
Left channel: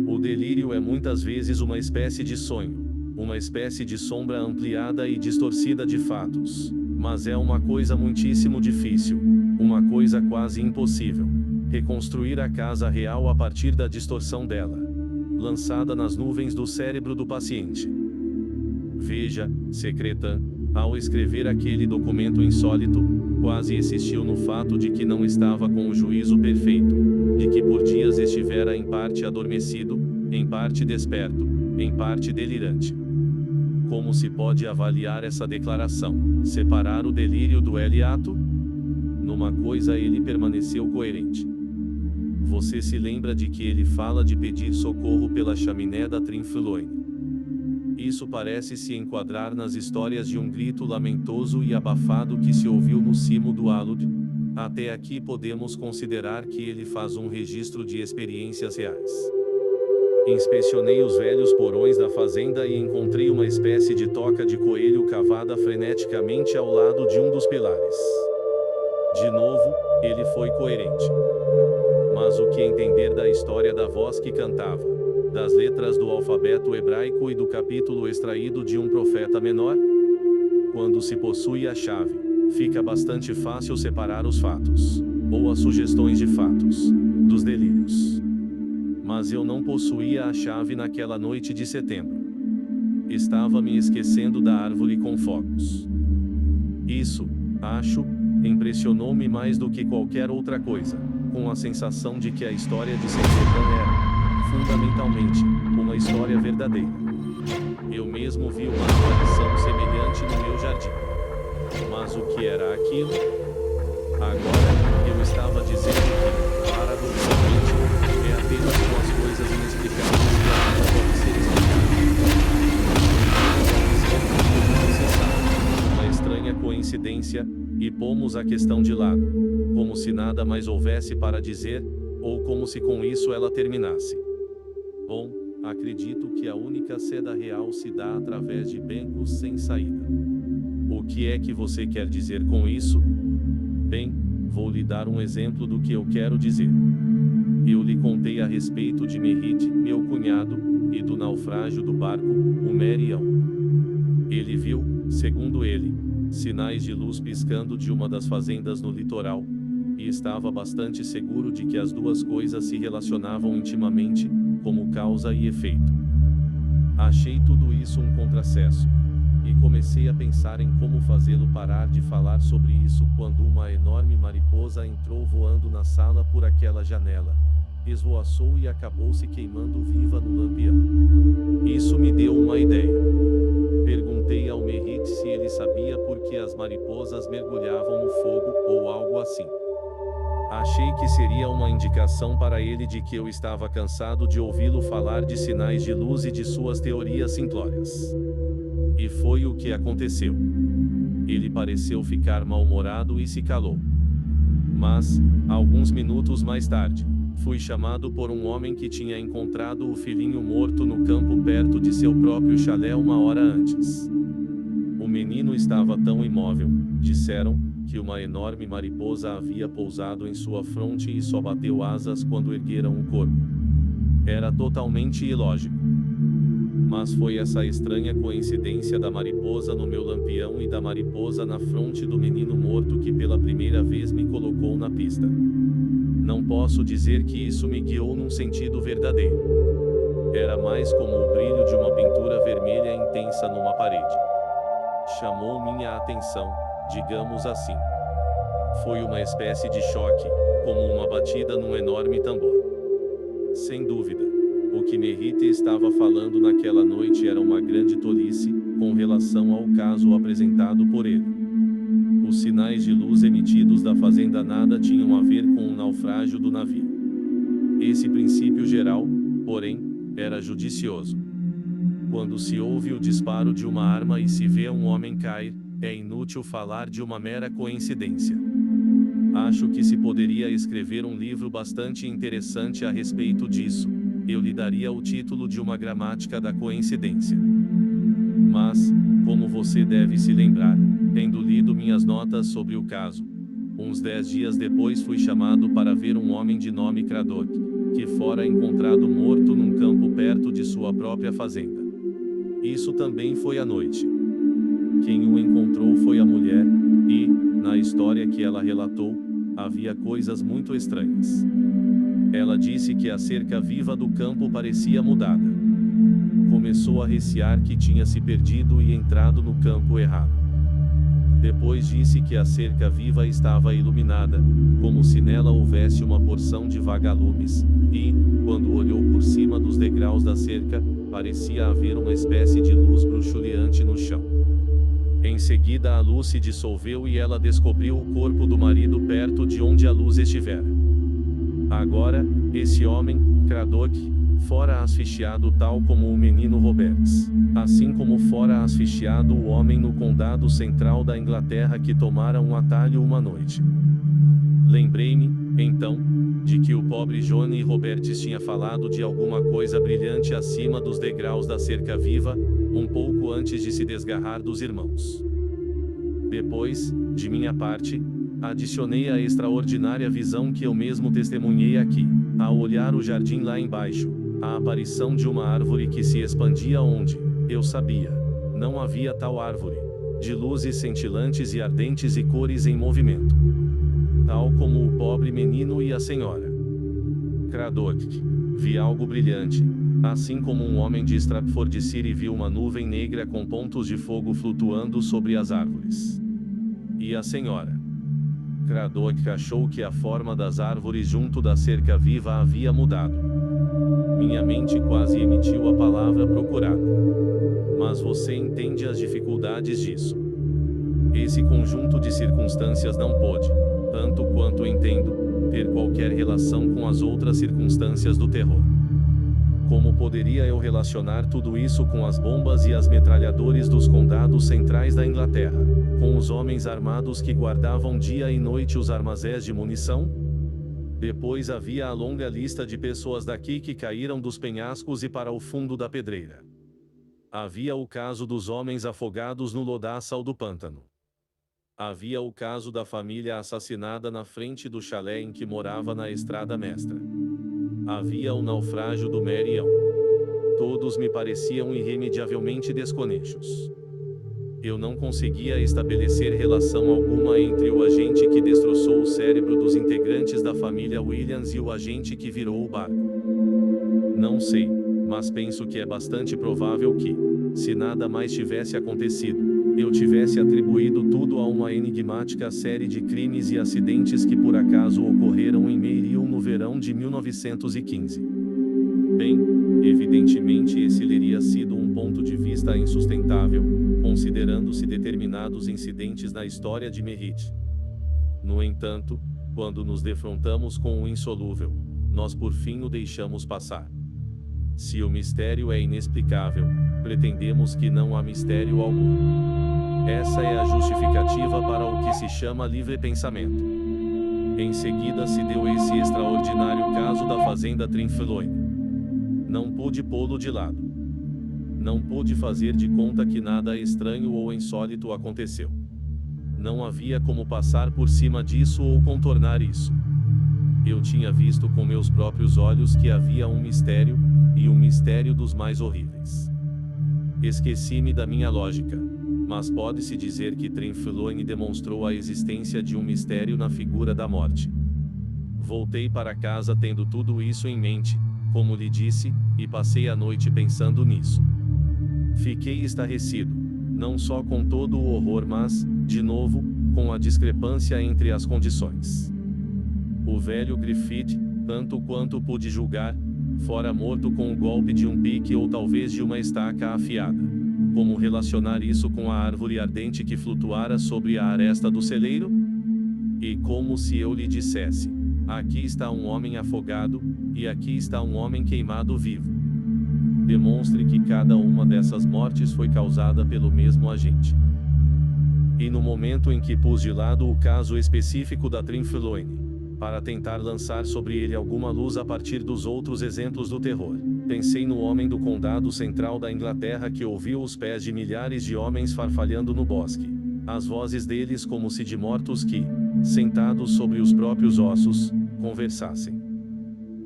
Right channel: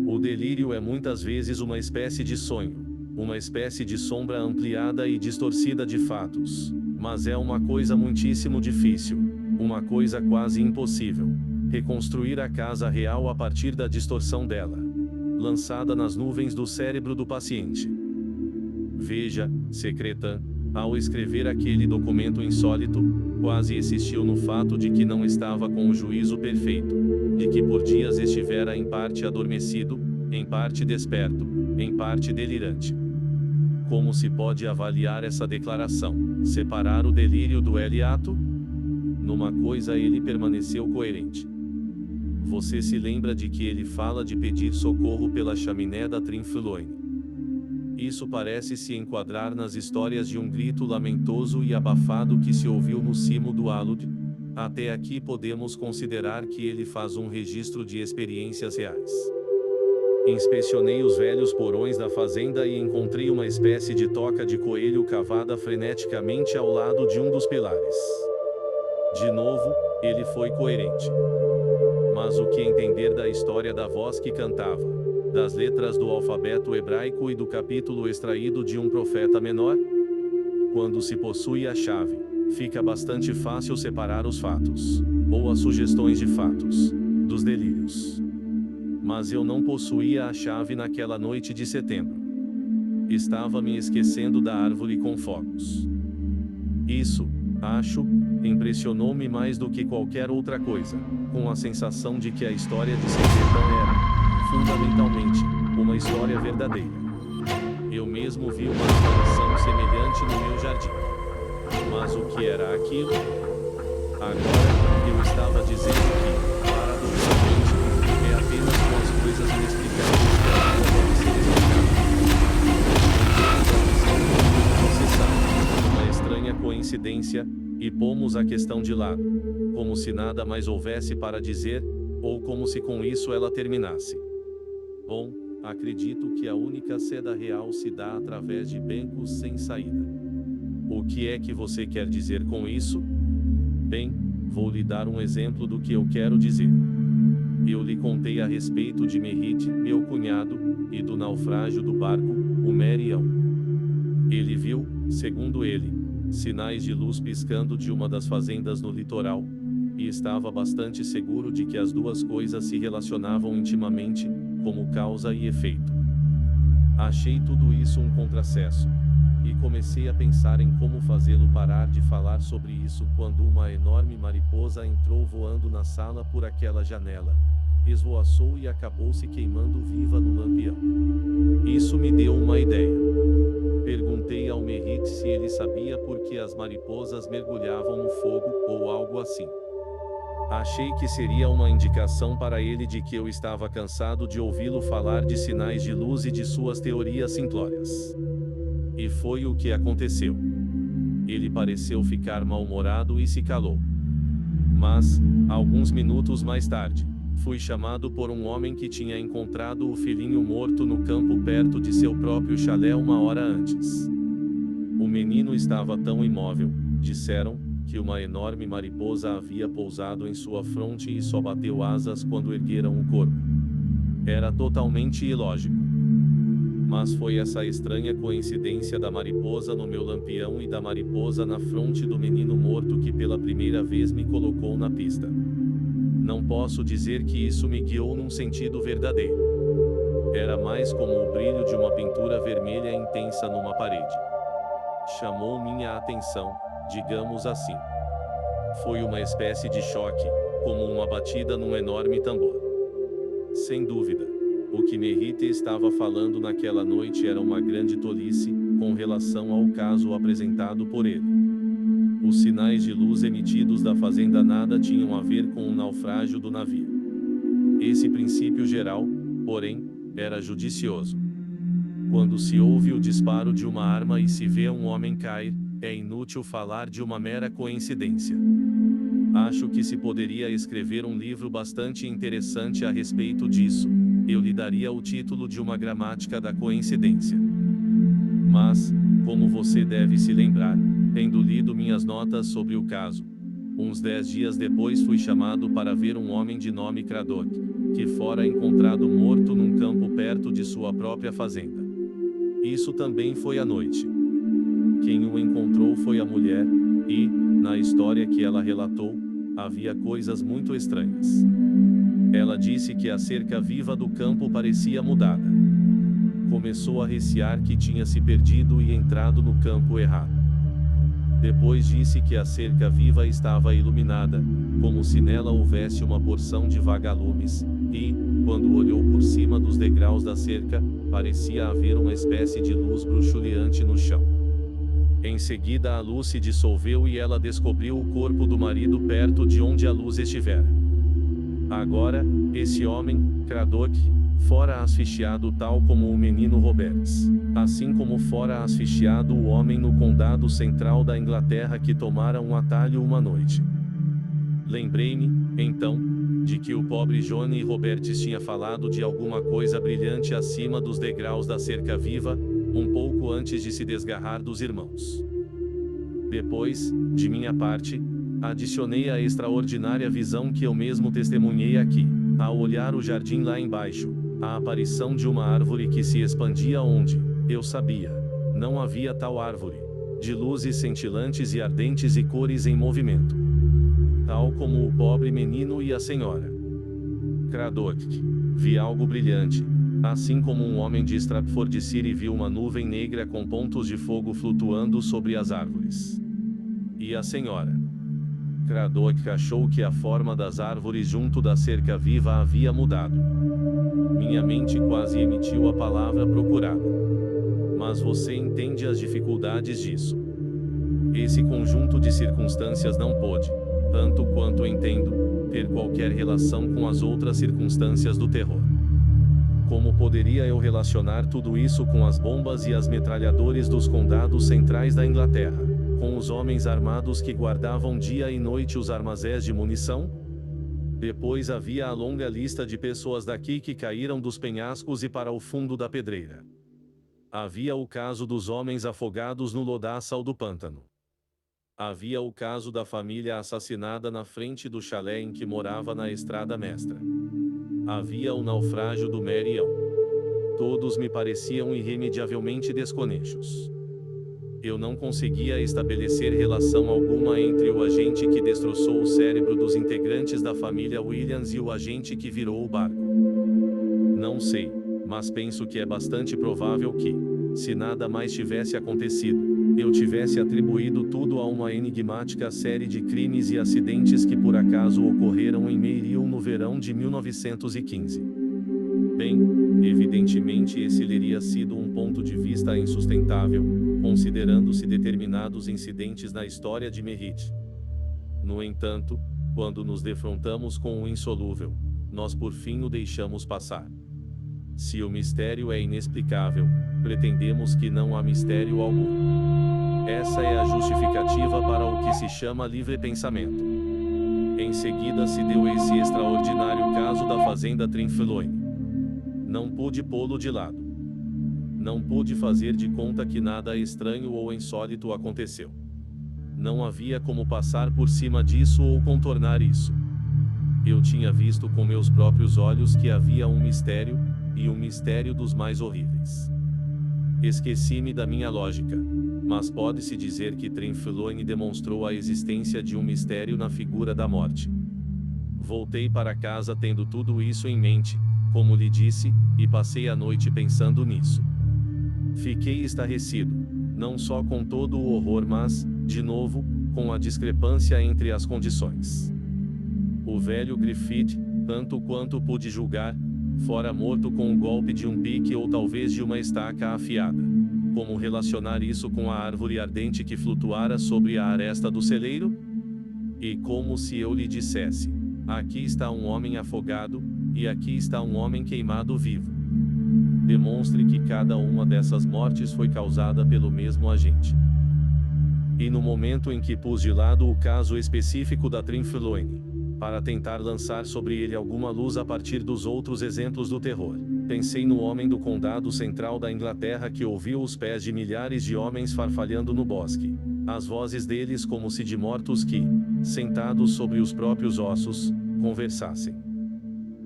O delírio é muitas vezes uma espécie de sonho, uma espécie de sombra ampliada e distorcida de fatos, mas é uma coisa muitíssimo difícil, uma coisa quase impossível, reconstruir a casa real a partir da distorção dela, lançada nas nuvens do cérebro do paciente. Veja, Secretan, ao escrever aquele documento insólito, quase insistiu no fato de que não estava com o juízo perfeito, de que por dias estivera em parte adormecido, em parte desperto, em parte delirante. Como se pode avaliar essa declaração? Separar o delírio do hiato? Numa coisa ele permaneceu coerente. Você se lembra de que ele fala de pedir socorro pela chaminé da Trinfloine. Isso parece se enquadrar nas histórias de um grito lamentoso e abafado que se ouviu no cimo do alud. Até aqui podemos considerar que ele faz um registro de experiências reais. Inspecionei os velhos porões da fazenda e encontrei uma espécie de toca de coelho cavada freneticamente ao lado de um dos pilares. De novo, ele foi coerente. Mas o que entender da história da voz que cantava, das letras do alfabeto hebraico e do capítulo extraído de um profeta menor? Quando se possui a chave, fica bastante fácil separar os fatos, ou as sugestões de fatos, dos delírios. Mas eu não possuía a chave naquela noite de setembro. Estava me esquecendo da árvore com fogos. Isso, acho, impressionou-me mais do que qualquer outra coisa, com a sensação de que a história de Secretan era, fundamentalmente, uma história verdadeira. Eu mesmo vi uma aparição semelhante no meu jardim. Mas o que era aquilo? Agora, eu estava dizendo que, paradoxalmente, é apenas com as coisas inexplicáveis que a vida pode ser explicada. Tendemos a dizer, como você sabe, uma estranha coincidência, e pomos a questão de lado, como se nada mais houvesse para dizer, ou como se com isso ela terminasse. Bom, acredito que a única seda real se dá através de becos sem saída. O que é que você quer dizer com isso? Bem, vou lhe dar um exemplo do que eu quero dizer. Eu lhe contei a respeito de Merrit, meu cunhado, e do naufrágio do barco, o Merião. Ele viu, segundo ele, sinais de luz piscando de uma das fazendas no litoral, e estava bastante seguro de que as duas coisas se relacionavam intimamente, como causa e efeito. Achei tudo isso um contrassenso, e comecei a pensar em como fazê-lo parar de falar sobre isso quando uma enorme mariposa entrou voando na sala por aquela janela, esvoaçou e acabou se queimando viva no lampião. Isso me deu uma ideia. Perguntei ao Merrit se ele sabia por que as mariposas mergulhavam no fogo, ou algo assim. Achei que seria uma indicação para ele de que eu estava cansado de ouvi-lo falar de sinais de luz e de suas teorias simplórias. E foi o que aconteceu. Ele pareceu ficar mal-humorado e se calou. Mas, alguns minutos mais tarde, fui chamado por um homem que tinha encontrado o filhinho morto no campo perto de seu próprio chalé uma hora antes. O menino estava tão imóvel, disseram, que uma enorme mariposa havia pousado em sua fronte e só bateu asas quando ergueram o corpo. Era totalmente ilógico. Mas foi essa estranha coincidência da mariposa no meu lampião e da mariposa na fronte do menino morto que pela primeira vez me colocou na pista. Não posso dizer que isso me guiou num sentido verdadeiro. Era mais como o brilho de uma pintura vermelha intensa numa parede. Chamou minha atenção, digamos assim. Foi uma espécie de choque, como uma batida num enorme tambor. Sem dúvida, o que Merrit estava falando naquela noite era uma grande tolice, com relação ao caso apresentado por ele. Os sinais de luz emitidos da fazenda nada tinham a ver com o naufrágio do navio. Esse princípio geral, porém, era judicioso. Quando se ouve o disparo de uma arma e se vê um homem cair, é inútil falar de uma mera coincidência. Acho que se poderia escrever um livro bastante interessante a respeito disso. Eu lhe daria o título de uma gramática da coincidência. Mas, como você deve se lembrar, tendo lido minhas notas sobre o caso, uns 10 dias depois fui chamado para ver um homem de nome Craddock, que fora encontrado morto num campo perto de sua própria fazenda. Isso também foi à noite. Quem o encontrou foi a mulher, e, na história que ela relatou, havia coisas muito estranhas. Ela disse que a cerca viva do campo parecia mudada. Começou a recear que tinha se perdido e entrado no campo errado. Depois disse que a cerca viva estava iluminada, como se nela houvesse uma porção de vagalumes, e, quando olhou por cima dos degraus da cerca, parecia haver uma espécie de luz bruxuleante no chão. Em seguida a luz se dissolveu e ela descobriu o corpo do marido perto de onde a luz estivera. Agora, esse homem, Craddock, fora asfixiado tal como o menino Roberts, assim como fora asfixiado o homem no condado central da Inglaterra que tomara um atalho uma noite. Lembrei-me, então, de que o pobre Johnny Roberts tinha falado de alguma coisa brilhante acima dos degraus da cerca viva, um pouco antes de se desgarrar dos irmãos. Depois, de minha parte, adicionei a extraordinária visão que eu mesmo testemunhei aqui, ao olhar o jardim lá embaixo, a aparição de uma árvore que se expandia onde, eu sabia, não havia tal árvore, de luzes cintilantes e ardentes e cores em movimento. Tal como o pobre menino e a senhora Craddock. Vi algo brilhante, assim como um homem de Stratfordshire viu uma nuvem negra com pontos de fogo flutuando sobre as árvores. E a senhora Craddock achou que a forma das árvores junto da cerca viva havia mudado. Minha mente quase emitiu a palavra procurada. Mas você entende as dificuldades disso. Esse conjunto de circunstâncias não pôde, tanto quanto entendo, ter qualquer relação com as outras circunstâncias do terror. Como poderia eu relacionar tudo isso com as bombas e as metralhadores dos condados centrais da Inglaterra, com os homens armados que guardavam dia e noite os armazéns de munição? Depois havia a longa lista de pessoas daqui que caíram dos penhascos e para o fundo da pedreira. Havia o caso dos homens afogados no lodaçal do pântano. Havia o caso da família assassinada na frente do chalé em que morava na Estrada Mestra. Havia o naufrágio do Marião. Todos me pareciam irremediavelmente desconexos. Eu não conseguia estabelecer relação alguma entre o agente que destroçou o cérebro dos integrantes da família Williams e o agente que virou o barco. Não sei, mas penso que é bastante provável que, se nada mais tivesse acontecido, eu tivesse atribuído tudo a uma enigmática série de crimes e acidentes que por acaso ocorreram em Marion no verão de 1915. Bem, evidentemente esse teria sido um ponto de vista insustentável, considerando-se determinados incidentes na história de Merritt. No entanto, quando nos defrontamos com o insolúvel, nós por fim o deixamos passar. Se o mistério é inexplicável, pretendemos que não há mistério algum. Essa é a justificativa para o que se chama livre pensamento. Em seguida se deu esse extraordinário caso da fazenda Trinfloine. Não pude pô-lo de lado. Não pude fazer de conta que nada estranho ou insólito aconteceu. Não havia como passar por cima disso ou contornar isso. Eu tinha visto com meus próprios olhos que havia um mistério, e um mistério dos mais horríveis. Esqueci-me da minha lógica, mas pode-se dizer que Trinfloine demonstrou a existência de um mistério na figura da morte. Voltei para casa tendo tudo isso em mente, como lhe disse, e passei a noite pensando nisso. Fiquei estarrecido, não só com todo o horror mas, de novo, com a discrepância entre as condições. O velho Griffith, tanto quanto pude julgar, fora morto com o golpe de um pique ou talvez de uma estaca afiada. Como relacionar isso com a árvore ardente que flutuara sobre a aresta do celeiro? E como se eu lhe dissesse: aqui está um homem afogado, e aqui está um homem queimado vivo. Demonstre que cada uma dessas mortes foi causada pelo mesmo agente. E no momento em que pus de lado o caso específico da Trinfloine, para tentar lançar sobre ele alguma luz a partir dos outros exemplos do terror, pensei no homem do condado central da Inglaterra que ouviu os pés de milhares de homens farfalhando no bosque, as vozes deles como se de mortos que, sentados sobre os próprios ossos, conversassem.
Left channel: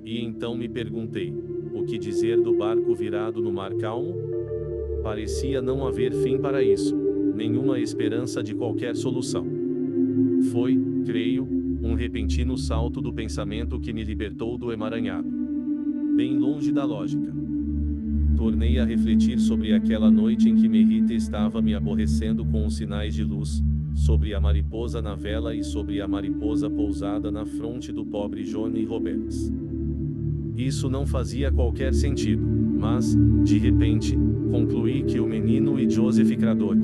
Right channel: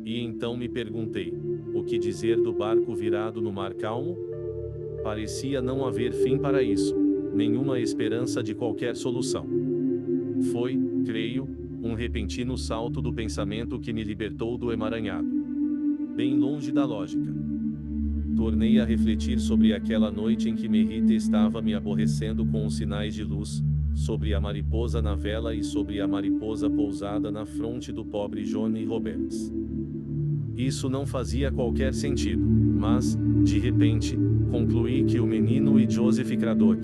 E então me perguntei: o que dizer do barco virado no mar calmo? Parecia não haver fim para isso, nenhuma esperança de qualquer solução. Foi, creio, um repentino salto do pensamento que me libertou do emaranhado. Bem longe da lógica. Tornei a refletir sobre aquela noite em que Merritt estava me aborrecendo com os sinais de luz, sobre a mariposa na vela e sobre a mariposa pousada na fronte do pobre Johnny Roberts. Isso não fazia qualquer sentido, mas, de repente, concluí que o menino e Joseph Craddock,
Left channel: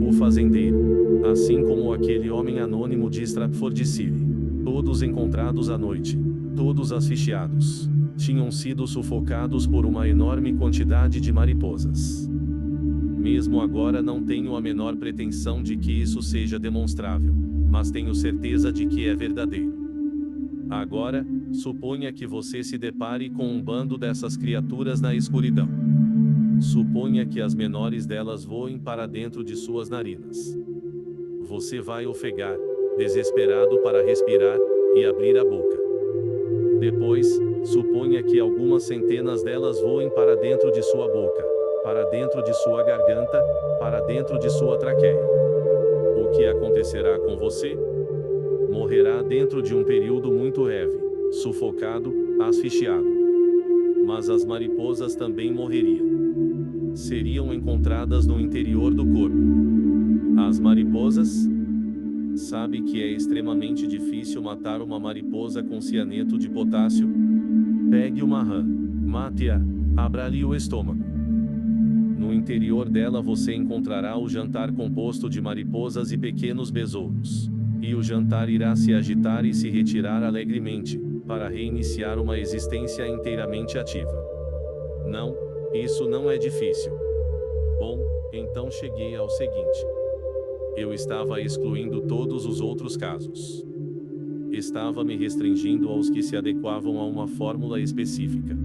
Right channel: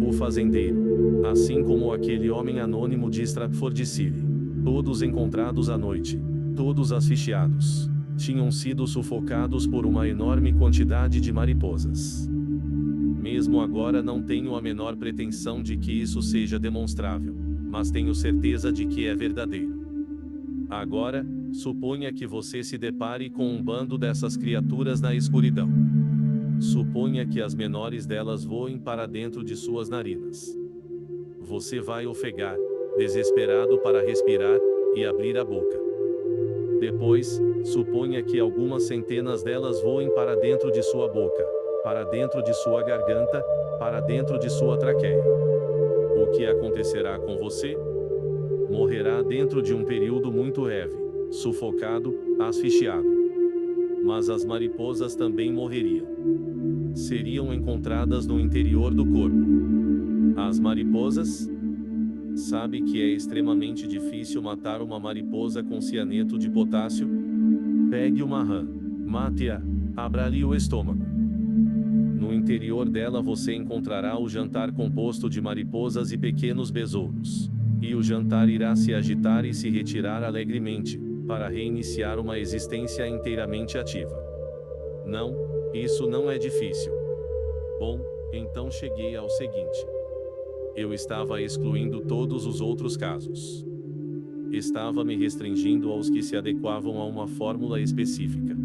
o fazendeiro, assim como aquele homem anônimo de Stratfordshire, todos encontrados à noite, todos asfixiados, tinham sido sufocados por uma enorme quantidade de mariposas. Mesmo agora não tenho a menor pretensão de que isso seja demonstrável, mas tenho certeza de que é verdadeiro. Agora, suponha que você se depare com um bando dessas criaturas na escuridão. Suponha que as menores delas voem para dentro de suas narinas. Você vai ofegar, desesperado para respirar, e abrir a boca. Depois, suponha que algumas centenas delas voem para dentro de sua boca, para dentro de sua garganta, para dentro de sua traqueia. O que acontecerá com você? Morrerá dentro de um período muito breve, sufocado, asfixiado. Mas as mariposas também morreriam. Seriam encontradas no interior do corpo. As mariposas? Sabe que é extremamente difícil matar uma mariposa com cianeto de potássio? Pegue uma rã, mate-a, abra-lhe o estômago. No interior dela você encontrará o jantar composto de mariposas e pequenos besouros. E o jantar irá se agitar e se retirar alegremente, para reiniciar uma existência inteiramente ativa. Não, isso não é difícil. Bom, então cheguei ao seguinte. Eu estava excluindo todos os outros casos. Estava me restringindo aos que se adequavam a uma fórmula específica.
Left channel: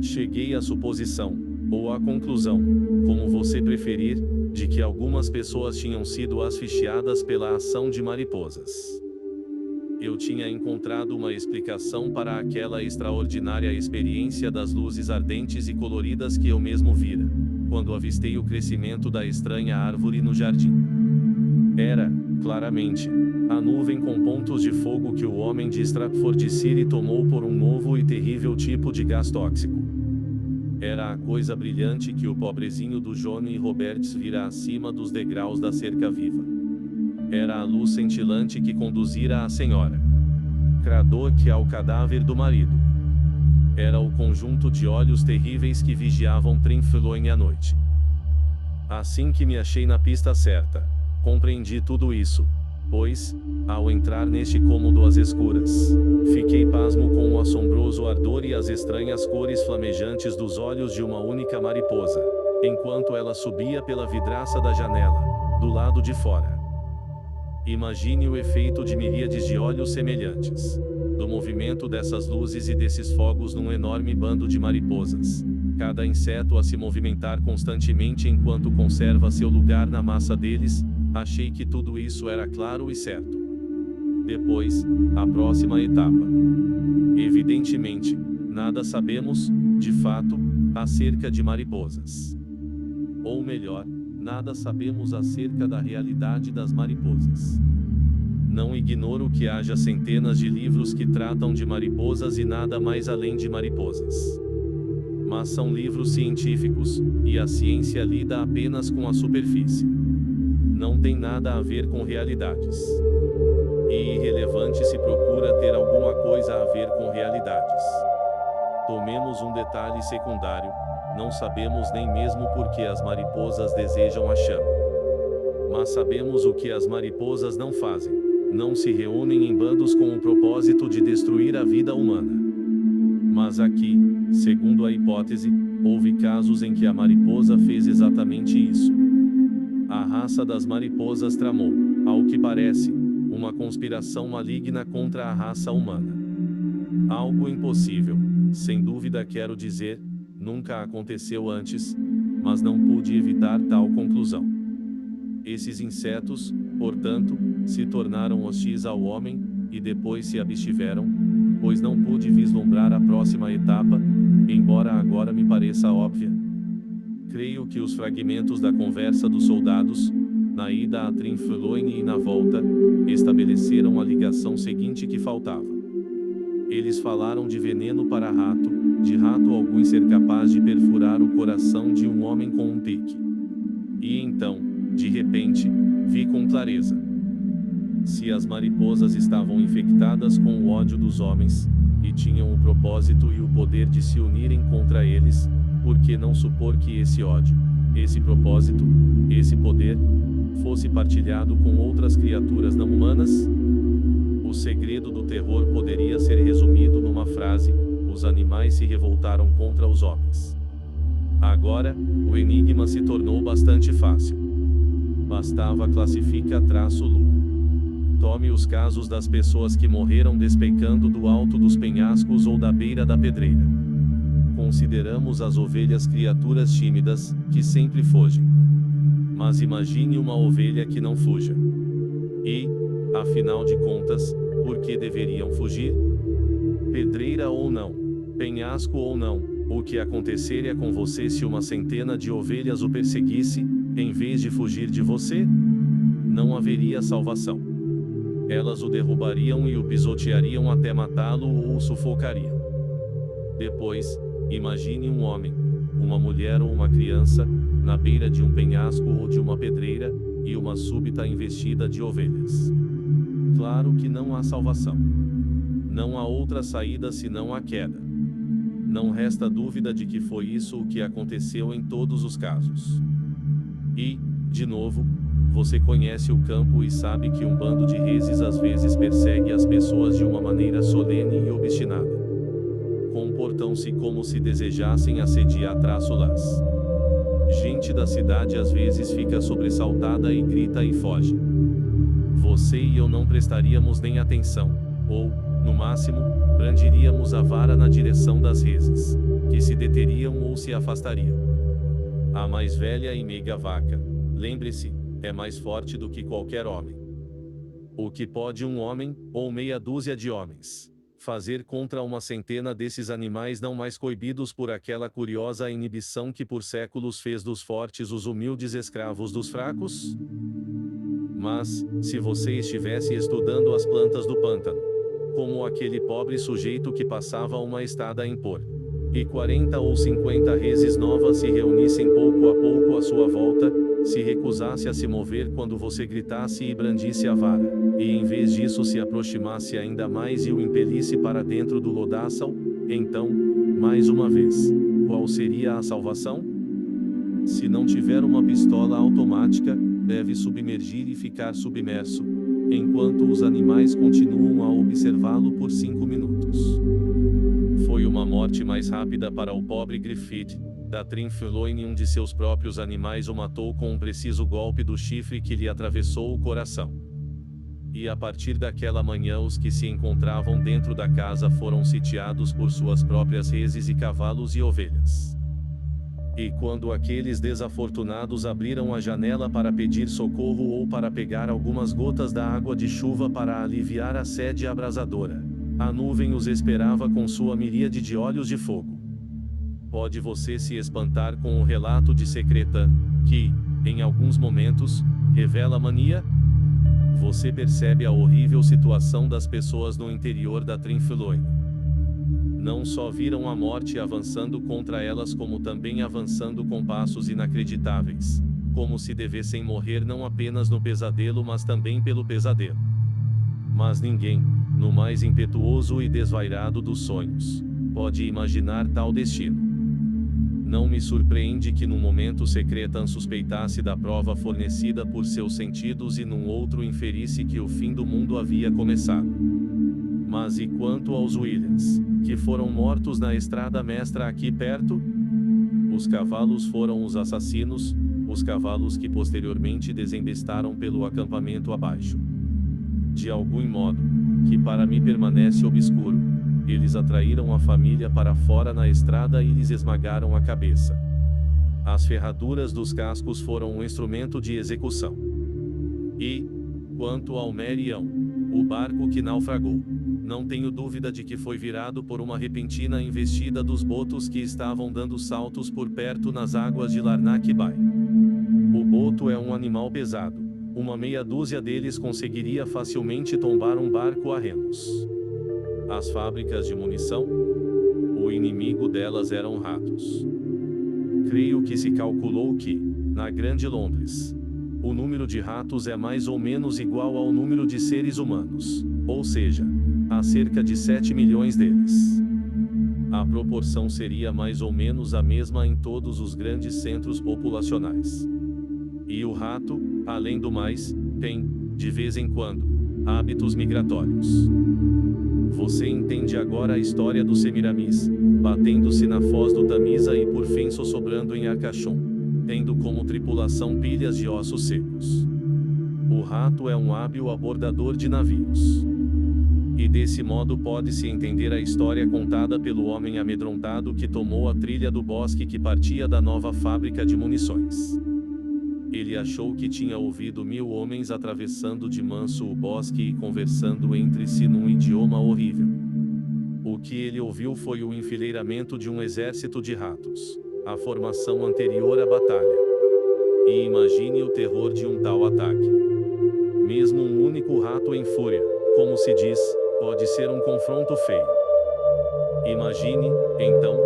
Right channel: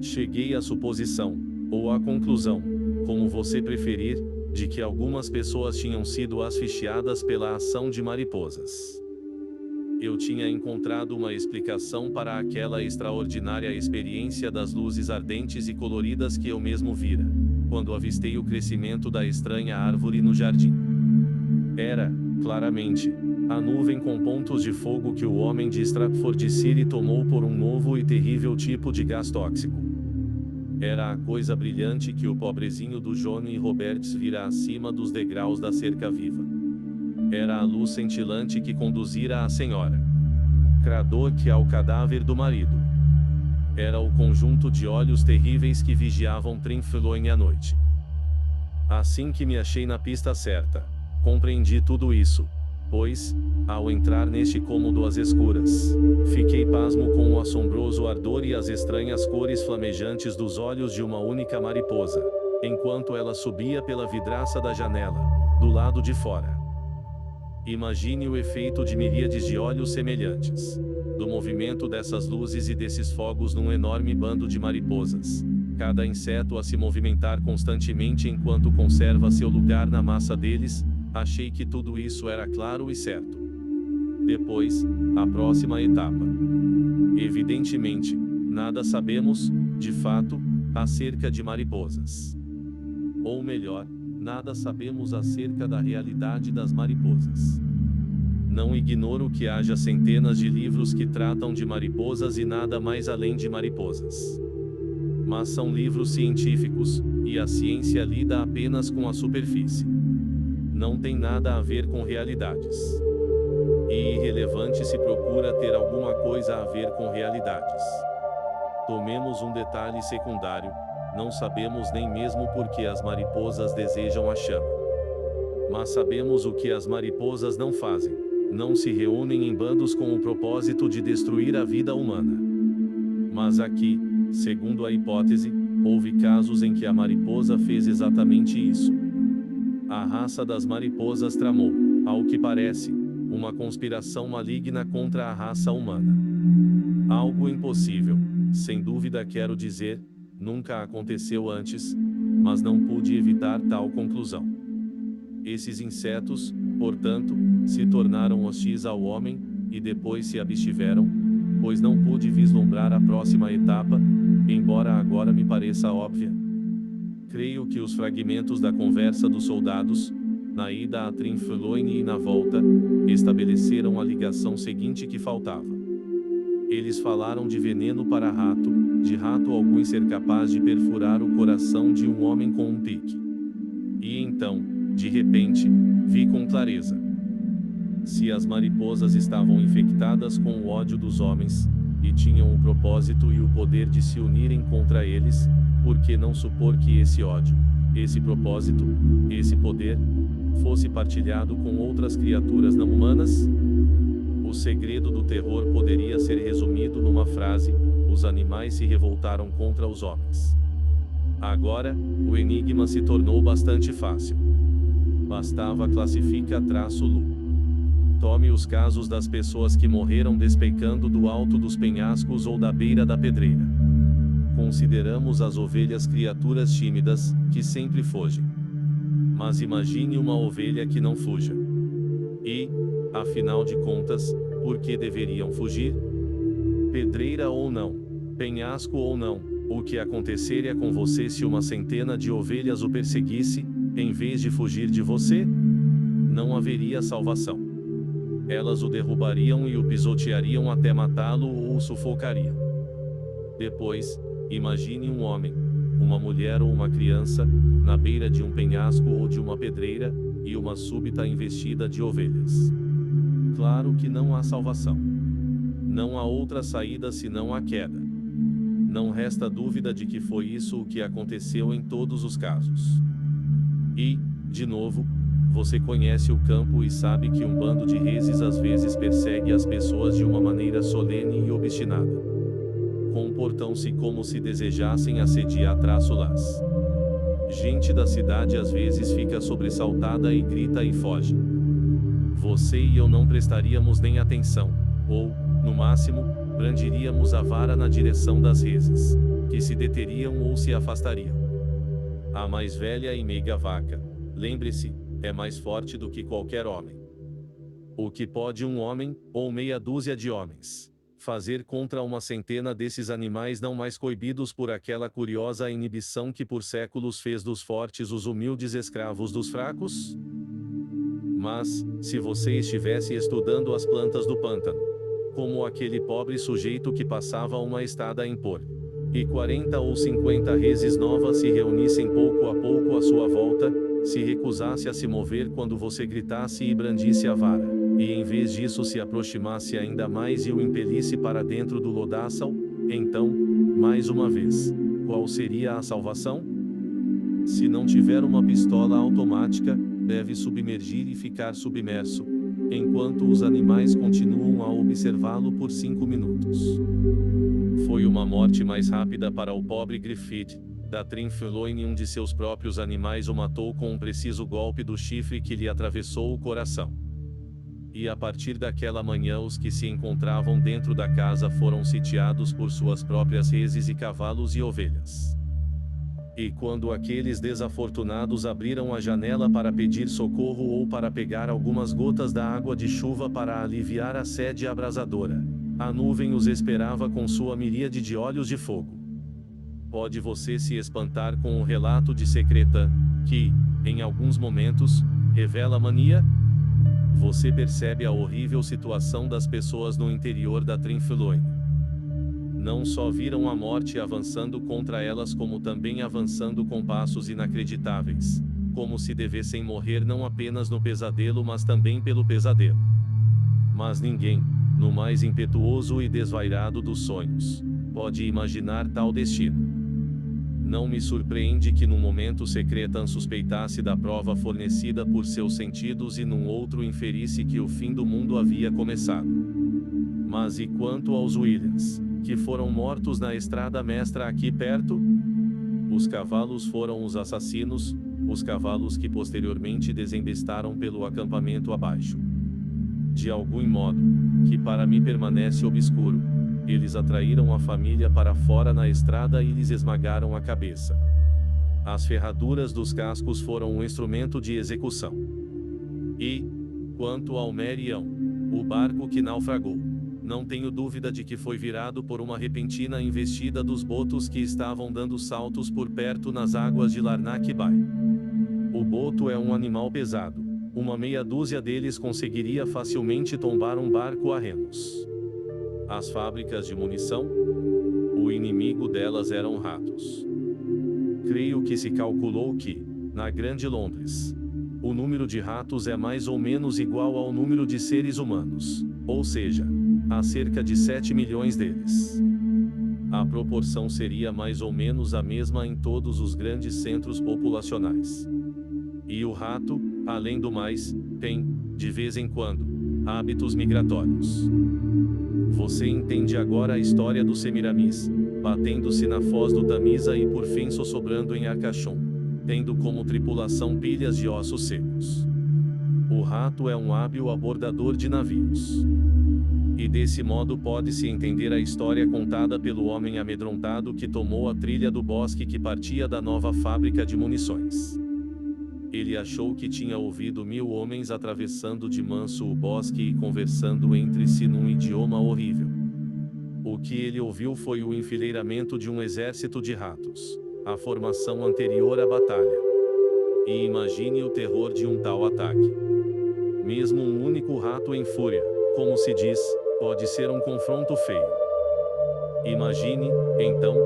Cheguei à suposição, ou à conclusão, como você preferir, de que algumas pessoas tinham sido asfixiadas pela ação de mariposas. Eu tinha encontrado uma explicação para aquela extraordinária experiência das luzes ardentes e coloridas que eu mesmo vira, quando avistei o crescimento da estranha árvore no jardim. Era, claramente, a nuvem com pontos de fogo que o homem de Stratfordshire tomou por um novo e terrível tipo de gás tóxico. Era a coisa brilhante que o pobrezinho do Johnny Roberts vira acima dos degraus da cerca viva. Era a luz cintilante que conduzira a senhora Craddock ao cadáver do marido. Era o conjunto de olhos terríveis que vigiavam Trinfloin à noite. Assim que me achei na pista certa, compreendi tudo isso, pois, ao entrar neste cômodo às escuras, fiquei pasmo com o assombroso ardor e as estranhas cores flamejantes dos olhos de uma única mariposa, enquanto ela subia pela vidraça da janela, do lado de fora. Imagine o efeito de miríades de olhos semelhantes, do movimento dessas luzes e desses fogos num enorme bando de mariposas, cada inseto a se movimentar constantemente enquanto conserva seu lugar na massa deles. Achei que tudo isso era claro e certo. Depois, a próxima etapa. Evidentemente, nada sabemos, de fato, acerca de mariposas. Ou melhor, nada sabemos acerca da realidade das mariposas. Não ignoro que haja centenas de livros que tratam de mariposas e nada mais além de mariposas. Mas são livros científicos, e a ciência lida apenas com a superfície. Não tem nada a ver com realidades. E irrelevante se procura ter alguma coisa a ver com realidades. Tomemos um detalhe secundário: não sabemos nem mesmo por que as mariposas desejam a chama. Mas sabemos o que as mariposas não fazem: não se reúnem em bandos com o propósito de destruir a vida humana. Mas aqui, segundo a hipótese, houve casos em que a mariposa fez exatamente isso. A raça das mariposas tramou, ao que parece, uma conspiração maligna contra a raça humana. Algo impossível, sem dúvida quero dizer, nunca aconteceu antes, mas não pude evitar tal conclusão. Esses insetos, portanto, se tornaram hostis ao homem, e depois se abstiveram, pois não pude vislumbrar a próxima etapa, embora agora me pareça óbvia. Creio que os fragmentos da conversa dos soldados, na ida a Trinfloin e na volta, estabeleceram a ligação seguinte que faltava. Eles falaram de veneno para rato, de rato algum ser capaz de perfurar o coração de um homem com um pique. E então, de repente, vi com clareza. Se as mariposas estavam infectadas com o ódio dos homens, e tinham o propósito e o poder de se unirem contra eles, por que não supor que esse ódio, esse propósito, esse poder, fosse partilhado com outras criaturas não humanas? O segredo do terror poderia ser resumido numa frase: os animais se revoltaram contra os homens. Agora, o enigma se tornou bastante fácil. Bastava classifica-lu. Tome os casos das pessoas que morreram despencando do alto dos penhascos ou da beira da pedreira. Consideramos as ovelhas criaturas tímidas, que sempre fogem. Mas imagine uma ovelha que não fuja. E, afinal de contas, por que deveriam fugir? Pedreira ou não, penhasco ou não, o que aconteceria com você se uma centena de ovelhas o perseguisse, em vez de fugir de você? Não haveria salvação. Elas o derrubariam e o pisoteariam até matá-lo ou o sufocariam. Depois, imagine um homem, uma mulher ou uma criança, na beira de um penhasco ou de uma pedreira, e uma súbita investida de ovelhas. Claro que não há salvação. Não há outra saída senão a queda. Não resta dúvida de que foi isso o que aconteceu em todos os casos. E, de novo, Você conhece o campo e sabe que um bando de reses às vezes persegue as pessoas de uma maneira solene e obstinada. Comportam-se como se desejassem assediar-las. Gente da cidade às vezes fica sobressaltada e grita e foge. Você e eu não prestaríamos nem atenção, ou, no máximo, brandiríamos a vara na direção das reses, que se deteriam ou se afastariam. A mais velha e meiga vaca, lembre-se, é mais forte do que qualquer homem. O que pode um homem, ou meia dúzia de homens, fazer contra uma centena desses animais não mais coibidos por aquela curiosa inibição que por séculos fez dos fortes os humildes escravos dos fracos? Mas, se você estivesse estudando as plantas do pântano, como aquele pobre sujeito que passava uma estada em pôr, e 40 ou 50 reses novas se reunissem pouco a pouco à sua volta, se recusasse a se mover quando você gritasse e brandisse a vara, e em vez disso se aproximasse ainda mais e o impelisse para dentro do lodaçal, então, mais uma vez, qual seria a salvação? Se não tiver uma pistola automática, deve submergir e ficar submerso, enquanto os animais continuam a observá-lo por 5 minutos. Foi uma morte mais rápida para o pobre Griffith. Da Trinfloine, um de seus próprios animais o matou com um preciso golpe do chifre que lhe atravessou o coração. E a partir daquela manhã os que se encontravam dentro da casa foram sitiados por suas próprias reses e cavalos e ovelhas. E quando aqueles desafortunados abriram a janela para pedir socorro ou para pegar algumas gotas da água de chuva para aliviar a sede abrasadora, a nuvem os esperava com sua miríade de olhos de fogo. Pode você se espantar com o relato de Secreta, que, em alguns momentos, revela mania? Você percebe a horrível situação das pessoas no interior da Trinfloine. Não só viram a morte avançando contra elas, como também avançando com passos inacreditáveis, como se devessem morrer não apenas no pesadelo mas também pelo pesadelo. Mas ninguém, no mais impetuoso e desvairado dos sonhos, pode imaginar tal destino. Não me surpreende que num momento Secretan suspeitasse da prova fornecida por seus sentidos e num outro inferisse que o fim do mundo havia começado. Mas e quanto aos Williams, que foram mortos na estrada mestra aqui perto? Os cavalos foram os assassinos, os cavalos que posteriormente desembestaram pelo acampamento abaixo. De algum modo, que para mim permanece obscuro, eles atraíram a família para fora na estrada e lhes esmagaram a cabeça. As ferraduras dos cascos foram um instrumento de execução. E, quanto ao Merião, o barco que naufragou, não tenho dúvida de que foi virado por uma repentina investida dos botos que estavam dando saltos por perto nas águas de Larnak Bay. O boto é um animal pesado. Uma meia dúzia deles conseguiria facilmente tombar um barco a remos. As fábricas de munição? O inimigo delas eram ratos. Creio que se calculou que, na Grande Londres, o número de ratos é mais ou menos igual ao número de seres humanos, ou seja, há cerca de 7 milhões deles. A proporção seria mais ou menos a mesma em todos os grandes centros populacionais. E o rato, além do mais, tem, de vez em quando, hábitos migratórios. Você entende agora a história do Semiramis, batendo-se na foz do Tamisa e por fim sossobrando em Arcachon, tendo como tripulação pilhas de ossos secos. O rato é um hábil abordador de navios. E desse modo pode-se entender a história contada pelo homem amedrontado que tomou a trilha do bosque que partia da nova fábrica de munições. Ele achou que tinha ouvido 1000 homens atravessando de manso o bosque e conversando entre si num idioma horrível. O que ele ouviu foi o enfileiramento de um exército de ratos, a formação anterior à batalha. E imagine o terror de um tal ataque. Mesmo um único rato em fúria, como se diz, pode ser um confronto feio. Imagine, então,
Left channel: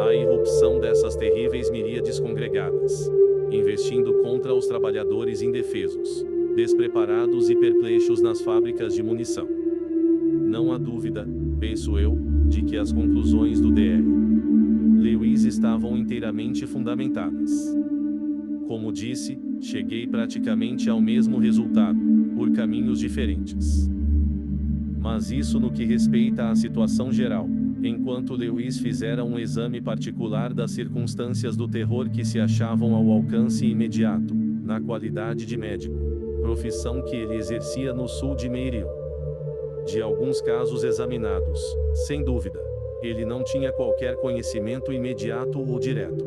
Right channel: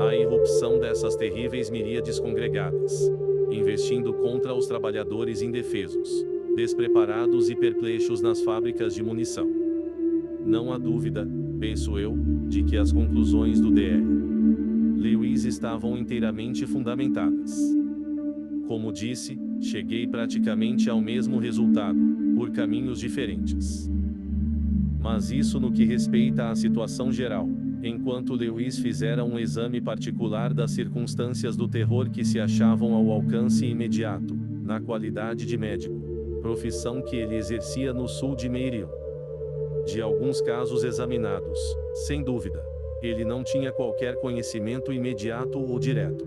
a irrupção dessas terríveis miríades congregadas, investindo contra os trabalhadores indefesos, despreparados e perplexos nas fábricas de munição. Não há dúvida, penso eu, de que as conclusões do Dr. Lewis estavam inteiramente fundamentadas. Como disse, Cheguei praticamente ao mesmo resultado, por caminhos diferentes. Mas isso no que respeita à situação geral. Enquanto Lewis fizera um exame particular das circunstâncias do terror que se achavam ao alcance imediato, na qualidade de médico, profissão que ele exercia no sul de Maryland. De alguns casos examinados, sem dúvida, ele não tinha qualquer conhecimento imediato ou direto.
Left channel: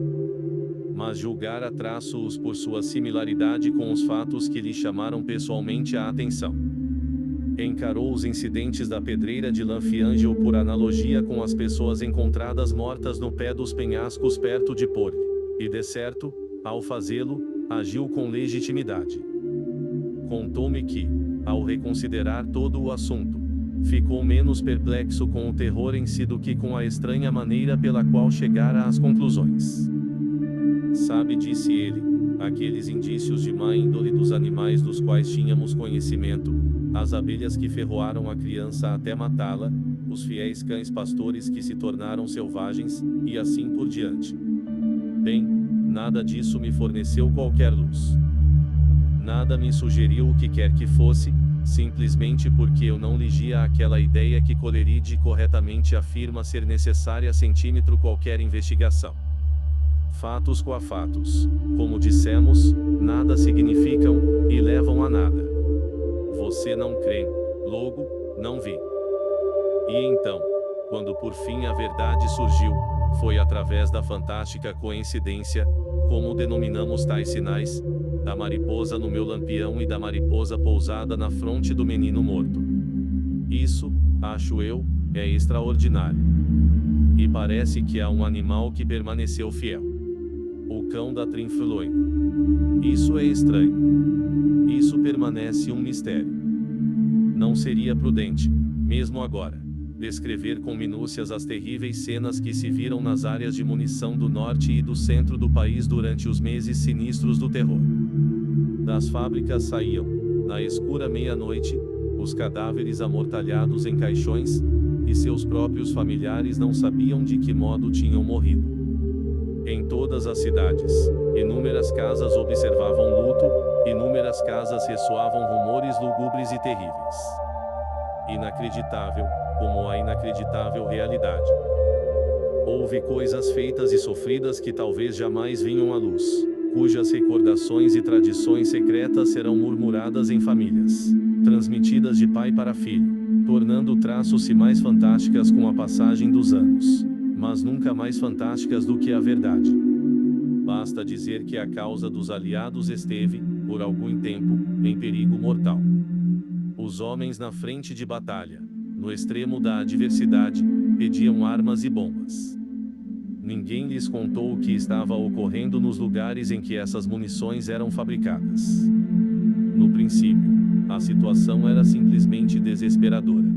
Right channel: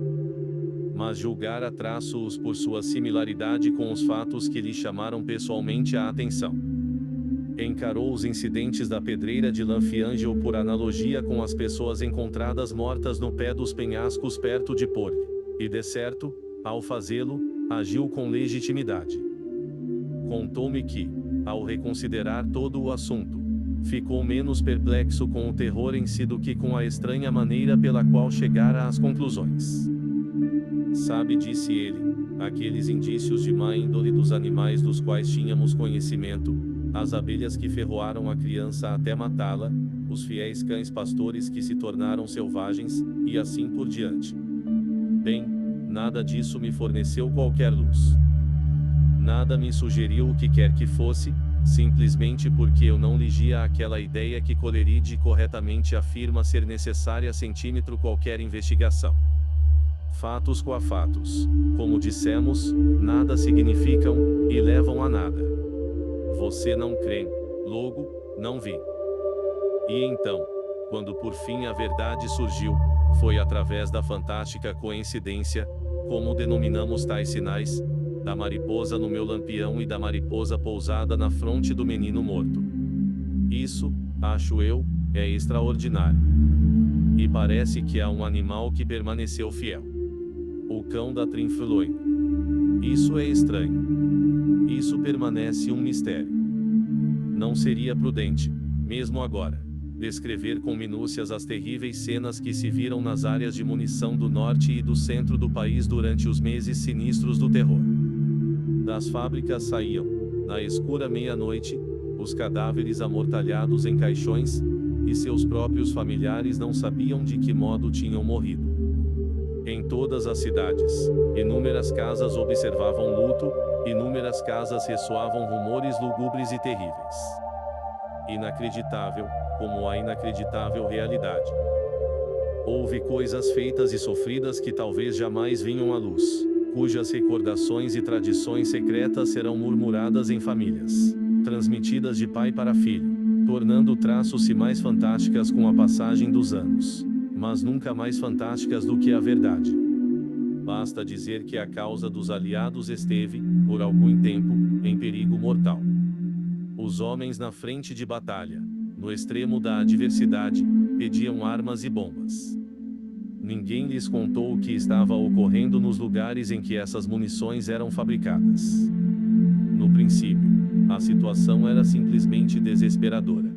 Mas julgara traços por sua similaridade com os fatos que lhe chamaram pessoalmente a atenção. Encarou os incidentes da pedreira de Lanfiangel por analogia com as pessoas encontradas mortas no pé dos penhascos perto de Porle, e de certo, ao fazê-lo, agiu com legitimidade. Contou-me que, ao reconsiderar todo o assunto, ficou menos perplexo com o terror em si do que com a estranha maneira pela qual chegara às conclusões. Sabe, disse ele, aqueles indícios de má índole dos animais dos quais tínhamos conhecimento, as abelhas que ferroaram a criança até matá-la, os fiéis cães pastores que se tornaram selvagens, e assim por diante. Bem, nada disso me forneceu qualquer luz. Nada me sugeriu o que quer que fosse, simplesmente porque eu não ligia aquela ideia que Coleridge corretamente afirma ser necessária centímetro qualquer investigação. Fatos coafatos, como dissemos, nada significam, e levam a nada. Você não crê, logo, não vi. E então, quando por fim a verdade surgiu, foi através da fantástica coincidência, como denominamos tais sinais, da mariposa no meu lampião e da mariposa pousada na fronte do menino morto. Isso, acho eu, é extraordinário. E parece que há um animal que permaneceu fiel. O cão da Trinfloine. Isso é estranho. Isso permanece um mistério. Não seria prudente, mesmo agora, descrever com minúcias as terríveis cenas que se viram nas áreas de munição do norte e do centro do país durante os meses sinistros do terror. Das fábricas saíam, na escura meia-noite, os cadáveres amortalhados em caixões, e seus próprios familiares não sabiam de que modo tinham morrido. Em todas as cidades, inúmeras casas observavam luto, inúmeras casas ressoavam rumores lugubres e terríveis. Inacreditável, como a inacreditável realidade. Houve coisas feitas e sofridas que talvez jamais vinham à luz, cujas recordações e tradições secretas serão murmuradas em famílias, transmitidas de pai para filho, tornando traços-se mais fantásticas com a passagem dos anos, mas nunca mais fantásticas do que a verdade. Basta dizer que a causa dos aliados esteve, por algum tempo, em perigo mortal. Os homens na frente de batalha, no extremo da adversidade, pediam armas e bombas. Ninguém lhes contou o que estava ocorrendo nos lugares em que essas munições eram fabricadas. No princípio, a situação era simplesmente desesperadora.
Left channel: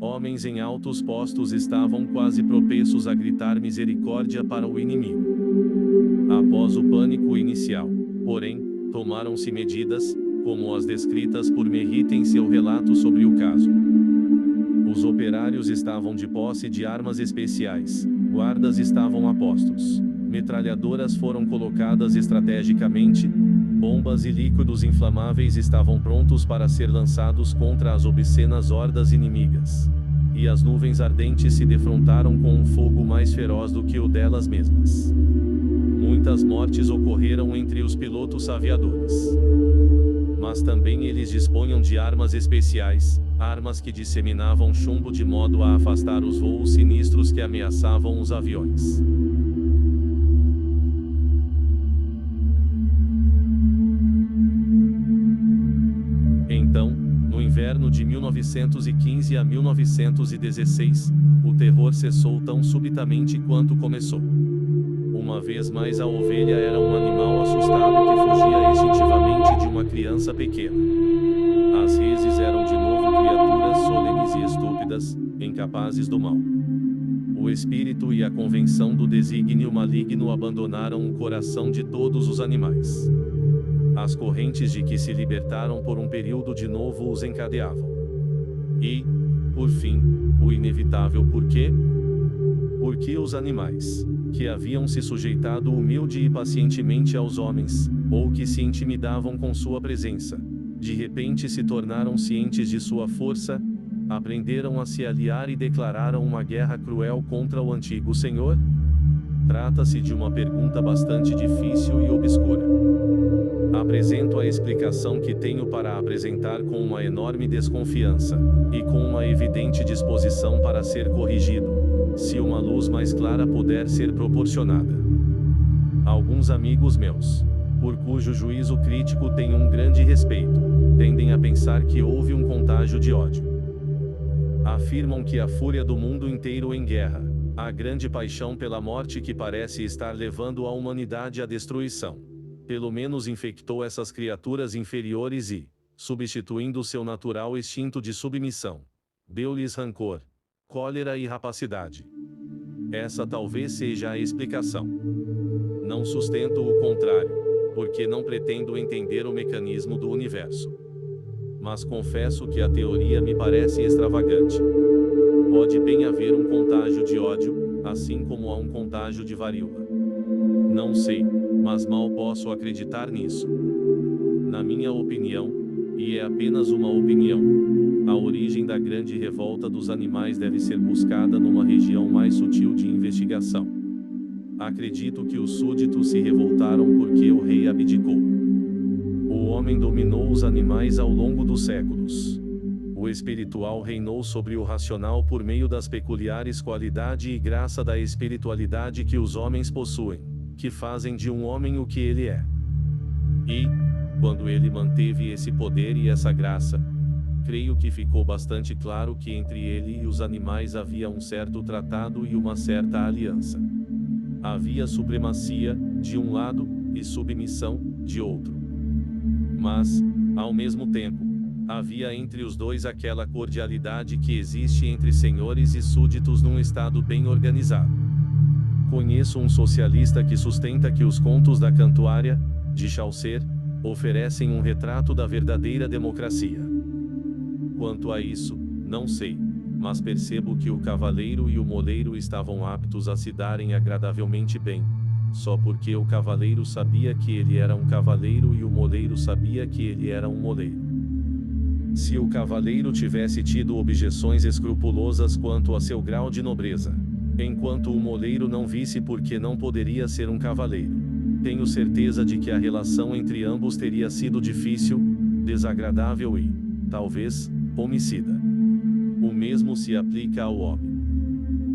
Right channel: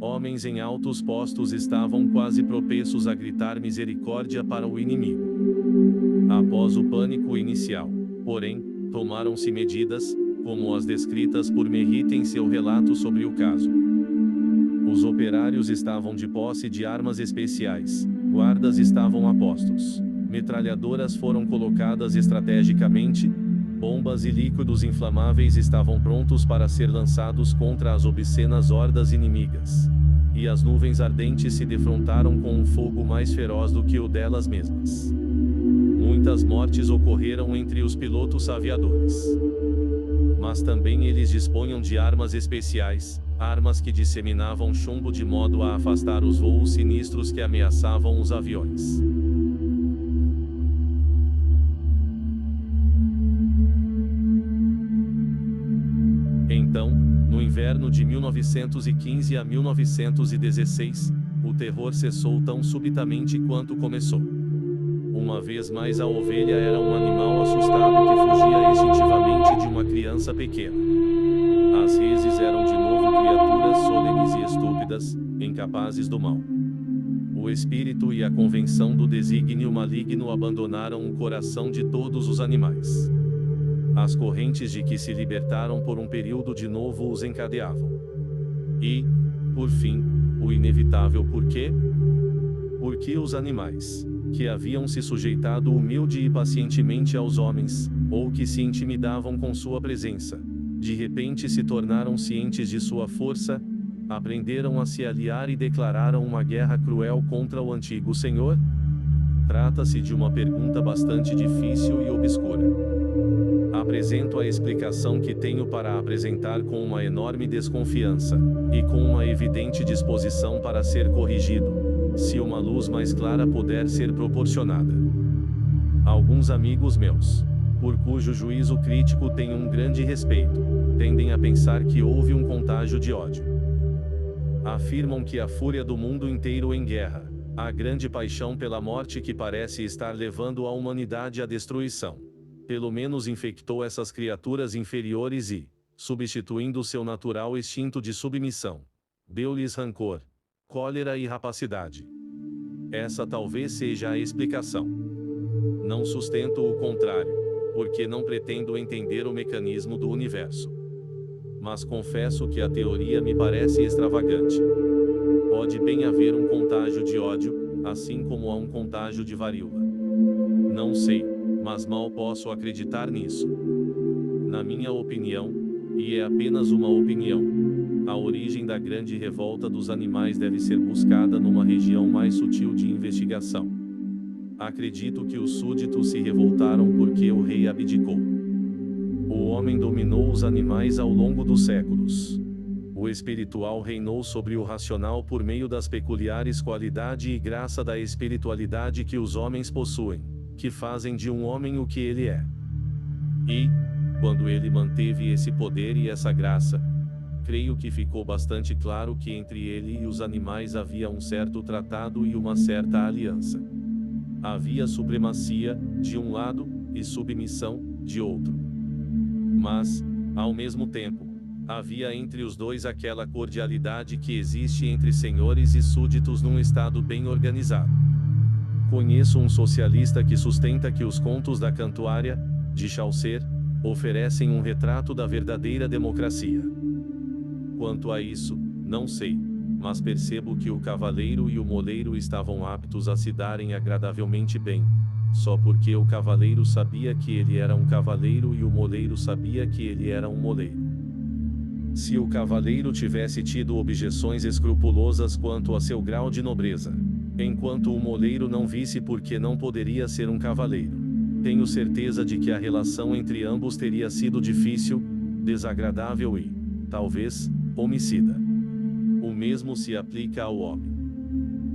Homens em altos postos estavam quase propensos a gritar misericórdia para o inimigo. Após o pânico inicial, porém, tomaram-se medidas, como as descritas por Merritt em seu relato sobre o caso. Os operários estavam de posse de armas especiais, guardas estavam a postos, metralhadoras foram colocadas estrategicamente, bombas e líquidos inflamáveis estavam prontos para ser lançados contra as obscenas hordas inimigas. E as nuvens ardentes se defrontaram com um fogo mais feroz do que o delas mesmas. Muitas mortes ocorreram entre os pilotos aviadores. Mas também eles dispunham de armas especiais, armas que disseminavam chumbo de modo a afastar os voos sinistros que ameaçavam os aviões. Então, no inverno de 1915 a 1916, o terror cessou tão subitamente quanto começou. Uma vez mais a ovelha era um animal assustado que fugia instintivamente de uma criança pequena. As reses eram de novo criaturas solenes e estúpidas, incapazes do mal. O espírito e a convenção do desígnio maligno abandonaram o coração de todos os animais. As correntes de que se libertaram por um período de novo os encadeavam. E, por fim, o inevitável porquê? Porque os animais, que haviam se sujeitado humilde e pacientemente aos homens, ou que se intimidavam com sua presença, de repente se tornaram cientes de sua força, aprenderam a se aliar e declararam uma guerra cruel contra o antigo Senhor? Trata-se de uma pergunta bastante difícil e obscura. Apresento a explicação que tenho para apresentar com uma enorme desconfiança, e com uma evidente disposição para ser corrigido, se uma luz mais clara puder ser proporcionada. Alguns amigos meus, por cujo juízo crítico tenho um grande respeito, tendem a pensar que houve um contágio de ódio. Afirmam que a fúria do mundo inteiro em guerra, a grande paixão pela morte que parece estar levando a humanidade à destruição, pelo menos infectou essas criaturas inferiores e, substituindo seu natural instinto de submissão, deu-lhes rancor, cólera e rapacidade. Essa talvez seja a explicação. Não sustento o contrário, porque não pretendo entender o mecanismo do universo. Mas confesso que a teoria me parece extravagante. Pode bem haver um contágio de ódio, assim como há um contágio de varíola. Não sei, mas mal posso acreditar nisso. Na minha opinião, e é apenas uma opinião, a origem da grande revolta dos animais deve ser buscada numa região mais sutil de investigação. Acredito que os súditos se revoltaram porque o rei abdicou. O homem dominou os animais ao longo dos séculos. O espiritual reinou sobre o racional por meio das peculiares qualidade e graça da espiritualidade que os homens possuem, que fazem de um homem o que ele é. E, quando ele manteve esse poder e essa graça, creio que ficou bastante claro que entre ele e os animais havia um certo tratado e uma certa aliança. Havia supremacia, de um lado, e submissão, de outro. Mas, ao mesmo tempo, havia entre os dois aquela cordialidade que existe entre senhores e súditos num estado bem organizado. Conheço um socialista que sustenta que os contos da Cantuária, de Chaucer, oferecem um retrato da verdadeira democracia. Quanto a isso, não sei, mas percebo que o cavaleiro e o moleiro estavam aptos a se darem agradavelmente bem, só porque o cavaleiro sabia que ele era um cavaleiro e o moleiro sabia que ele era um moleiro. Se o cavaleiro tivesse tido objeções escrupulosas quanto a seu grau de nobreza, enquanto o moleiro não visse porque não poderia ser um cavaleiro, tenho certeza de que a relação entre ambos teria sido difícil, desagradável e, talvez, homicida. O mesmo se aplica ao homem.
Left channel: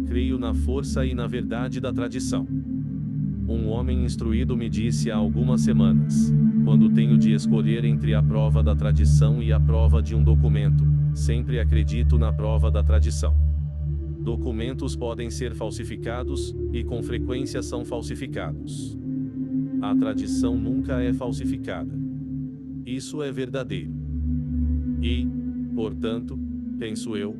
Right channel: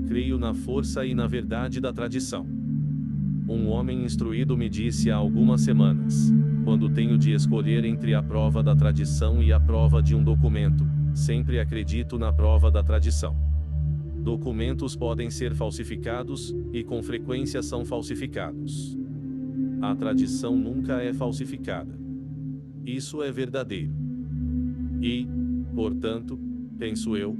Creio na força e na verdade da tradição. Um homem instruído me disse há algumas semanas: quando tenho de escolher entre a prova da tradição e a prova de um documento, sempre acredito na prova da tradição. Documentos podem ser falsificados, e com frequência são falsificados. A tradição nunca é falsificada. Isso é verdadeiro. E, portanto, penso eu,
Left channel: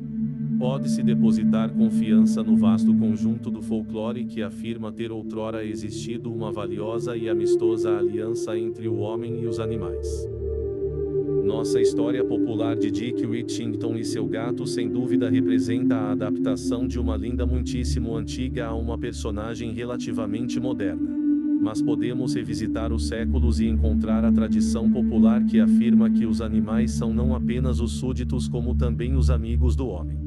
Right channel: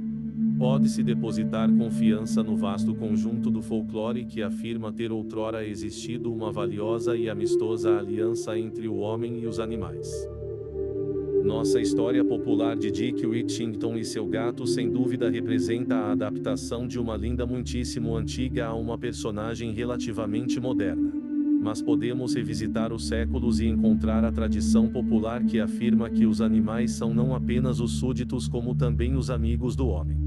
pode-se depositar confiança no vasto conjunto do folclore que afirma ter outrora existido uma valiosa e amistosa aliança entre o homem e os animais. Nossa história popular de Dick Whittington e seu gato sem dúvida representa a adaptação de uma linda muitíssimo antiga a uma personagem relativamente moderna. Mas podemos revisitar os séculos e encontrar a tradição popular que afirma que os animais são não apenas os súditos como também os amigos do homem.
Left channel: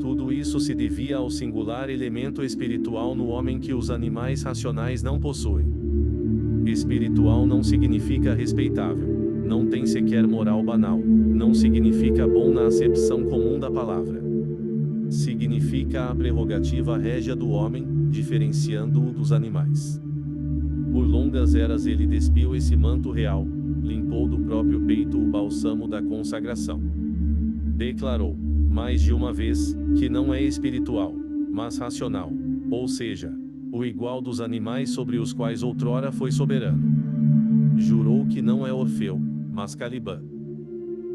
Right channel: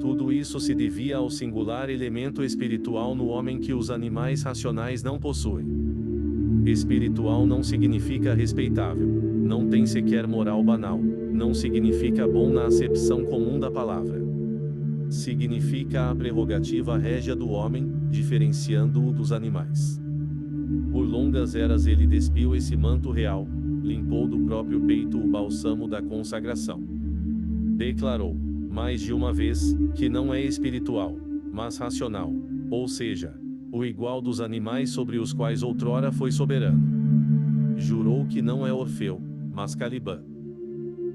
Tudo isso se devia ao singular elemento espiritual no homem que os animais racionais não possuem. Espiritual não significa respeitável, não tem sequer moral banal, não significa bom na acepção comum da palavra. Significa a prerrogativa régia do homem, diferenciando-o dos animais. Por longas eras ele despiu esse manto real, limpou do próprio peito o bálsamo da consagração. Declarou, mais de uma vez, que não é espiritual, mas racional, ou seja, o igual dos animais sobre os quais outrora foi soberano. Jurou que não é Orfeu, mas Calibã.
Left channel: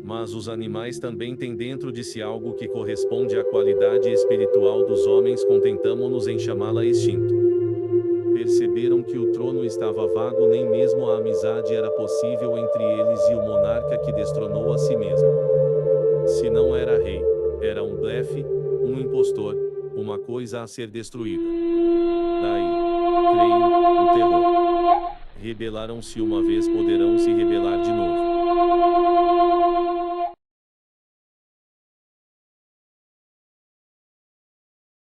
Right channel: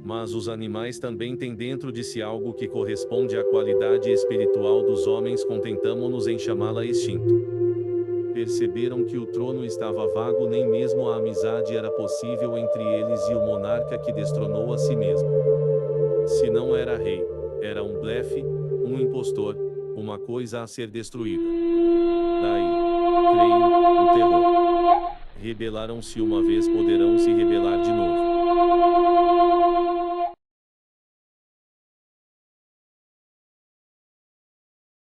Mas os animais também têm dentro de si algo que corresponde à qualidade espiritual dos homens, contentamo-nos em chamá-la instinto. Perceberam que o trono estava vago, nem mesmo a amizade era possível entre eles e o monarca que destronou a si mesmo. Se não era rei, era um blefe, um impostor, uma coisa a ser destruída. Daí, creio, o terror. rebelaram-se uma vez, poderão se rebelar de novo.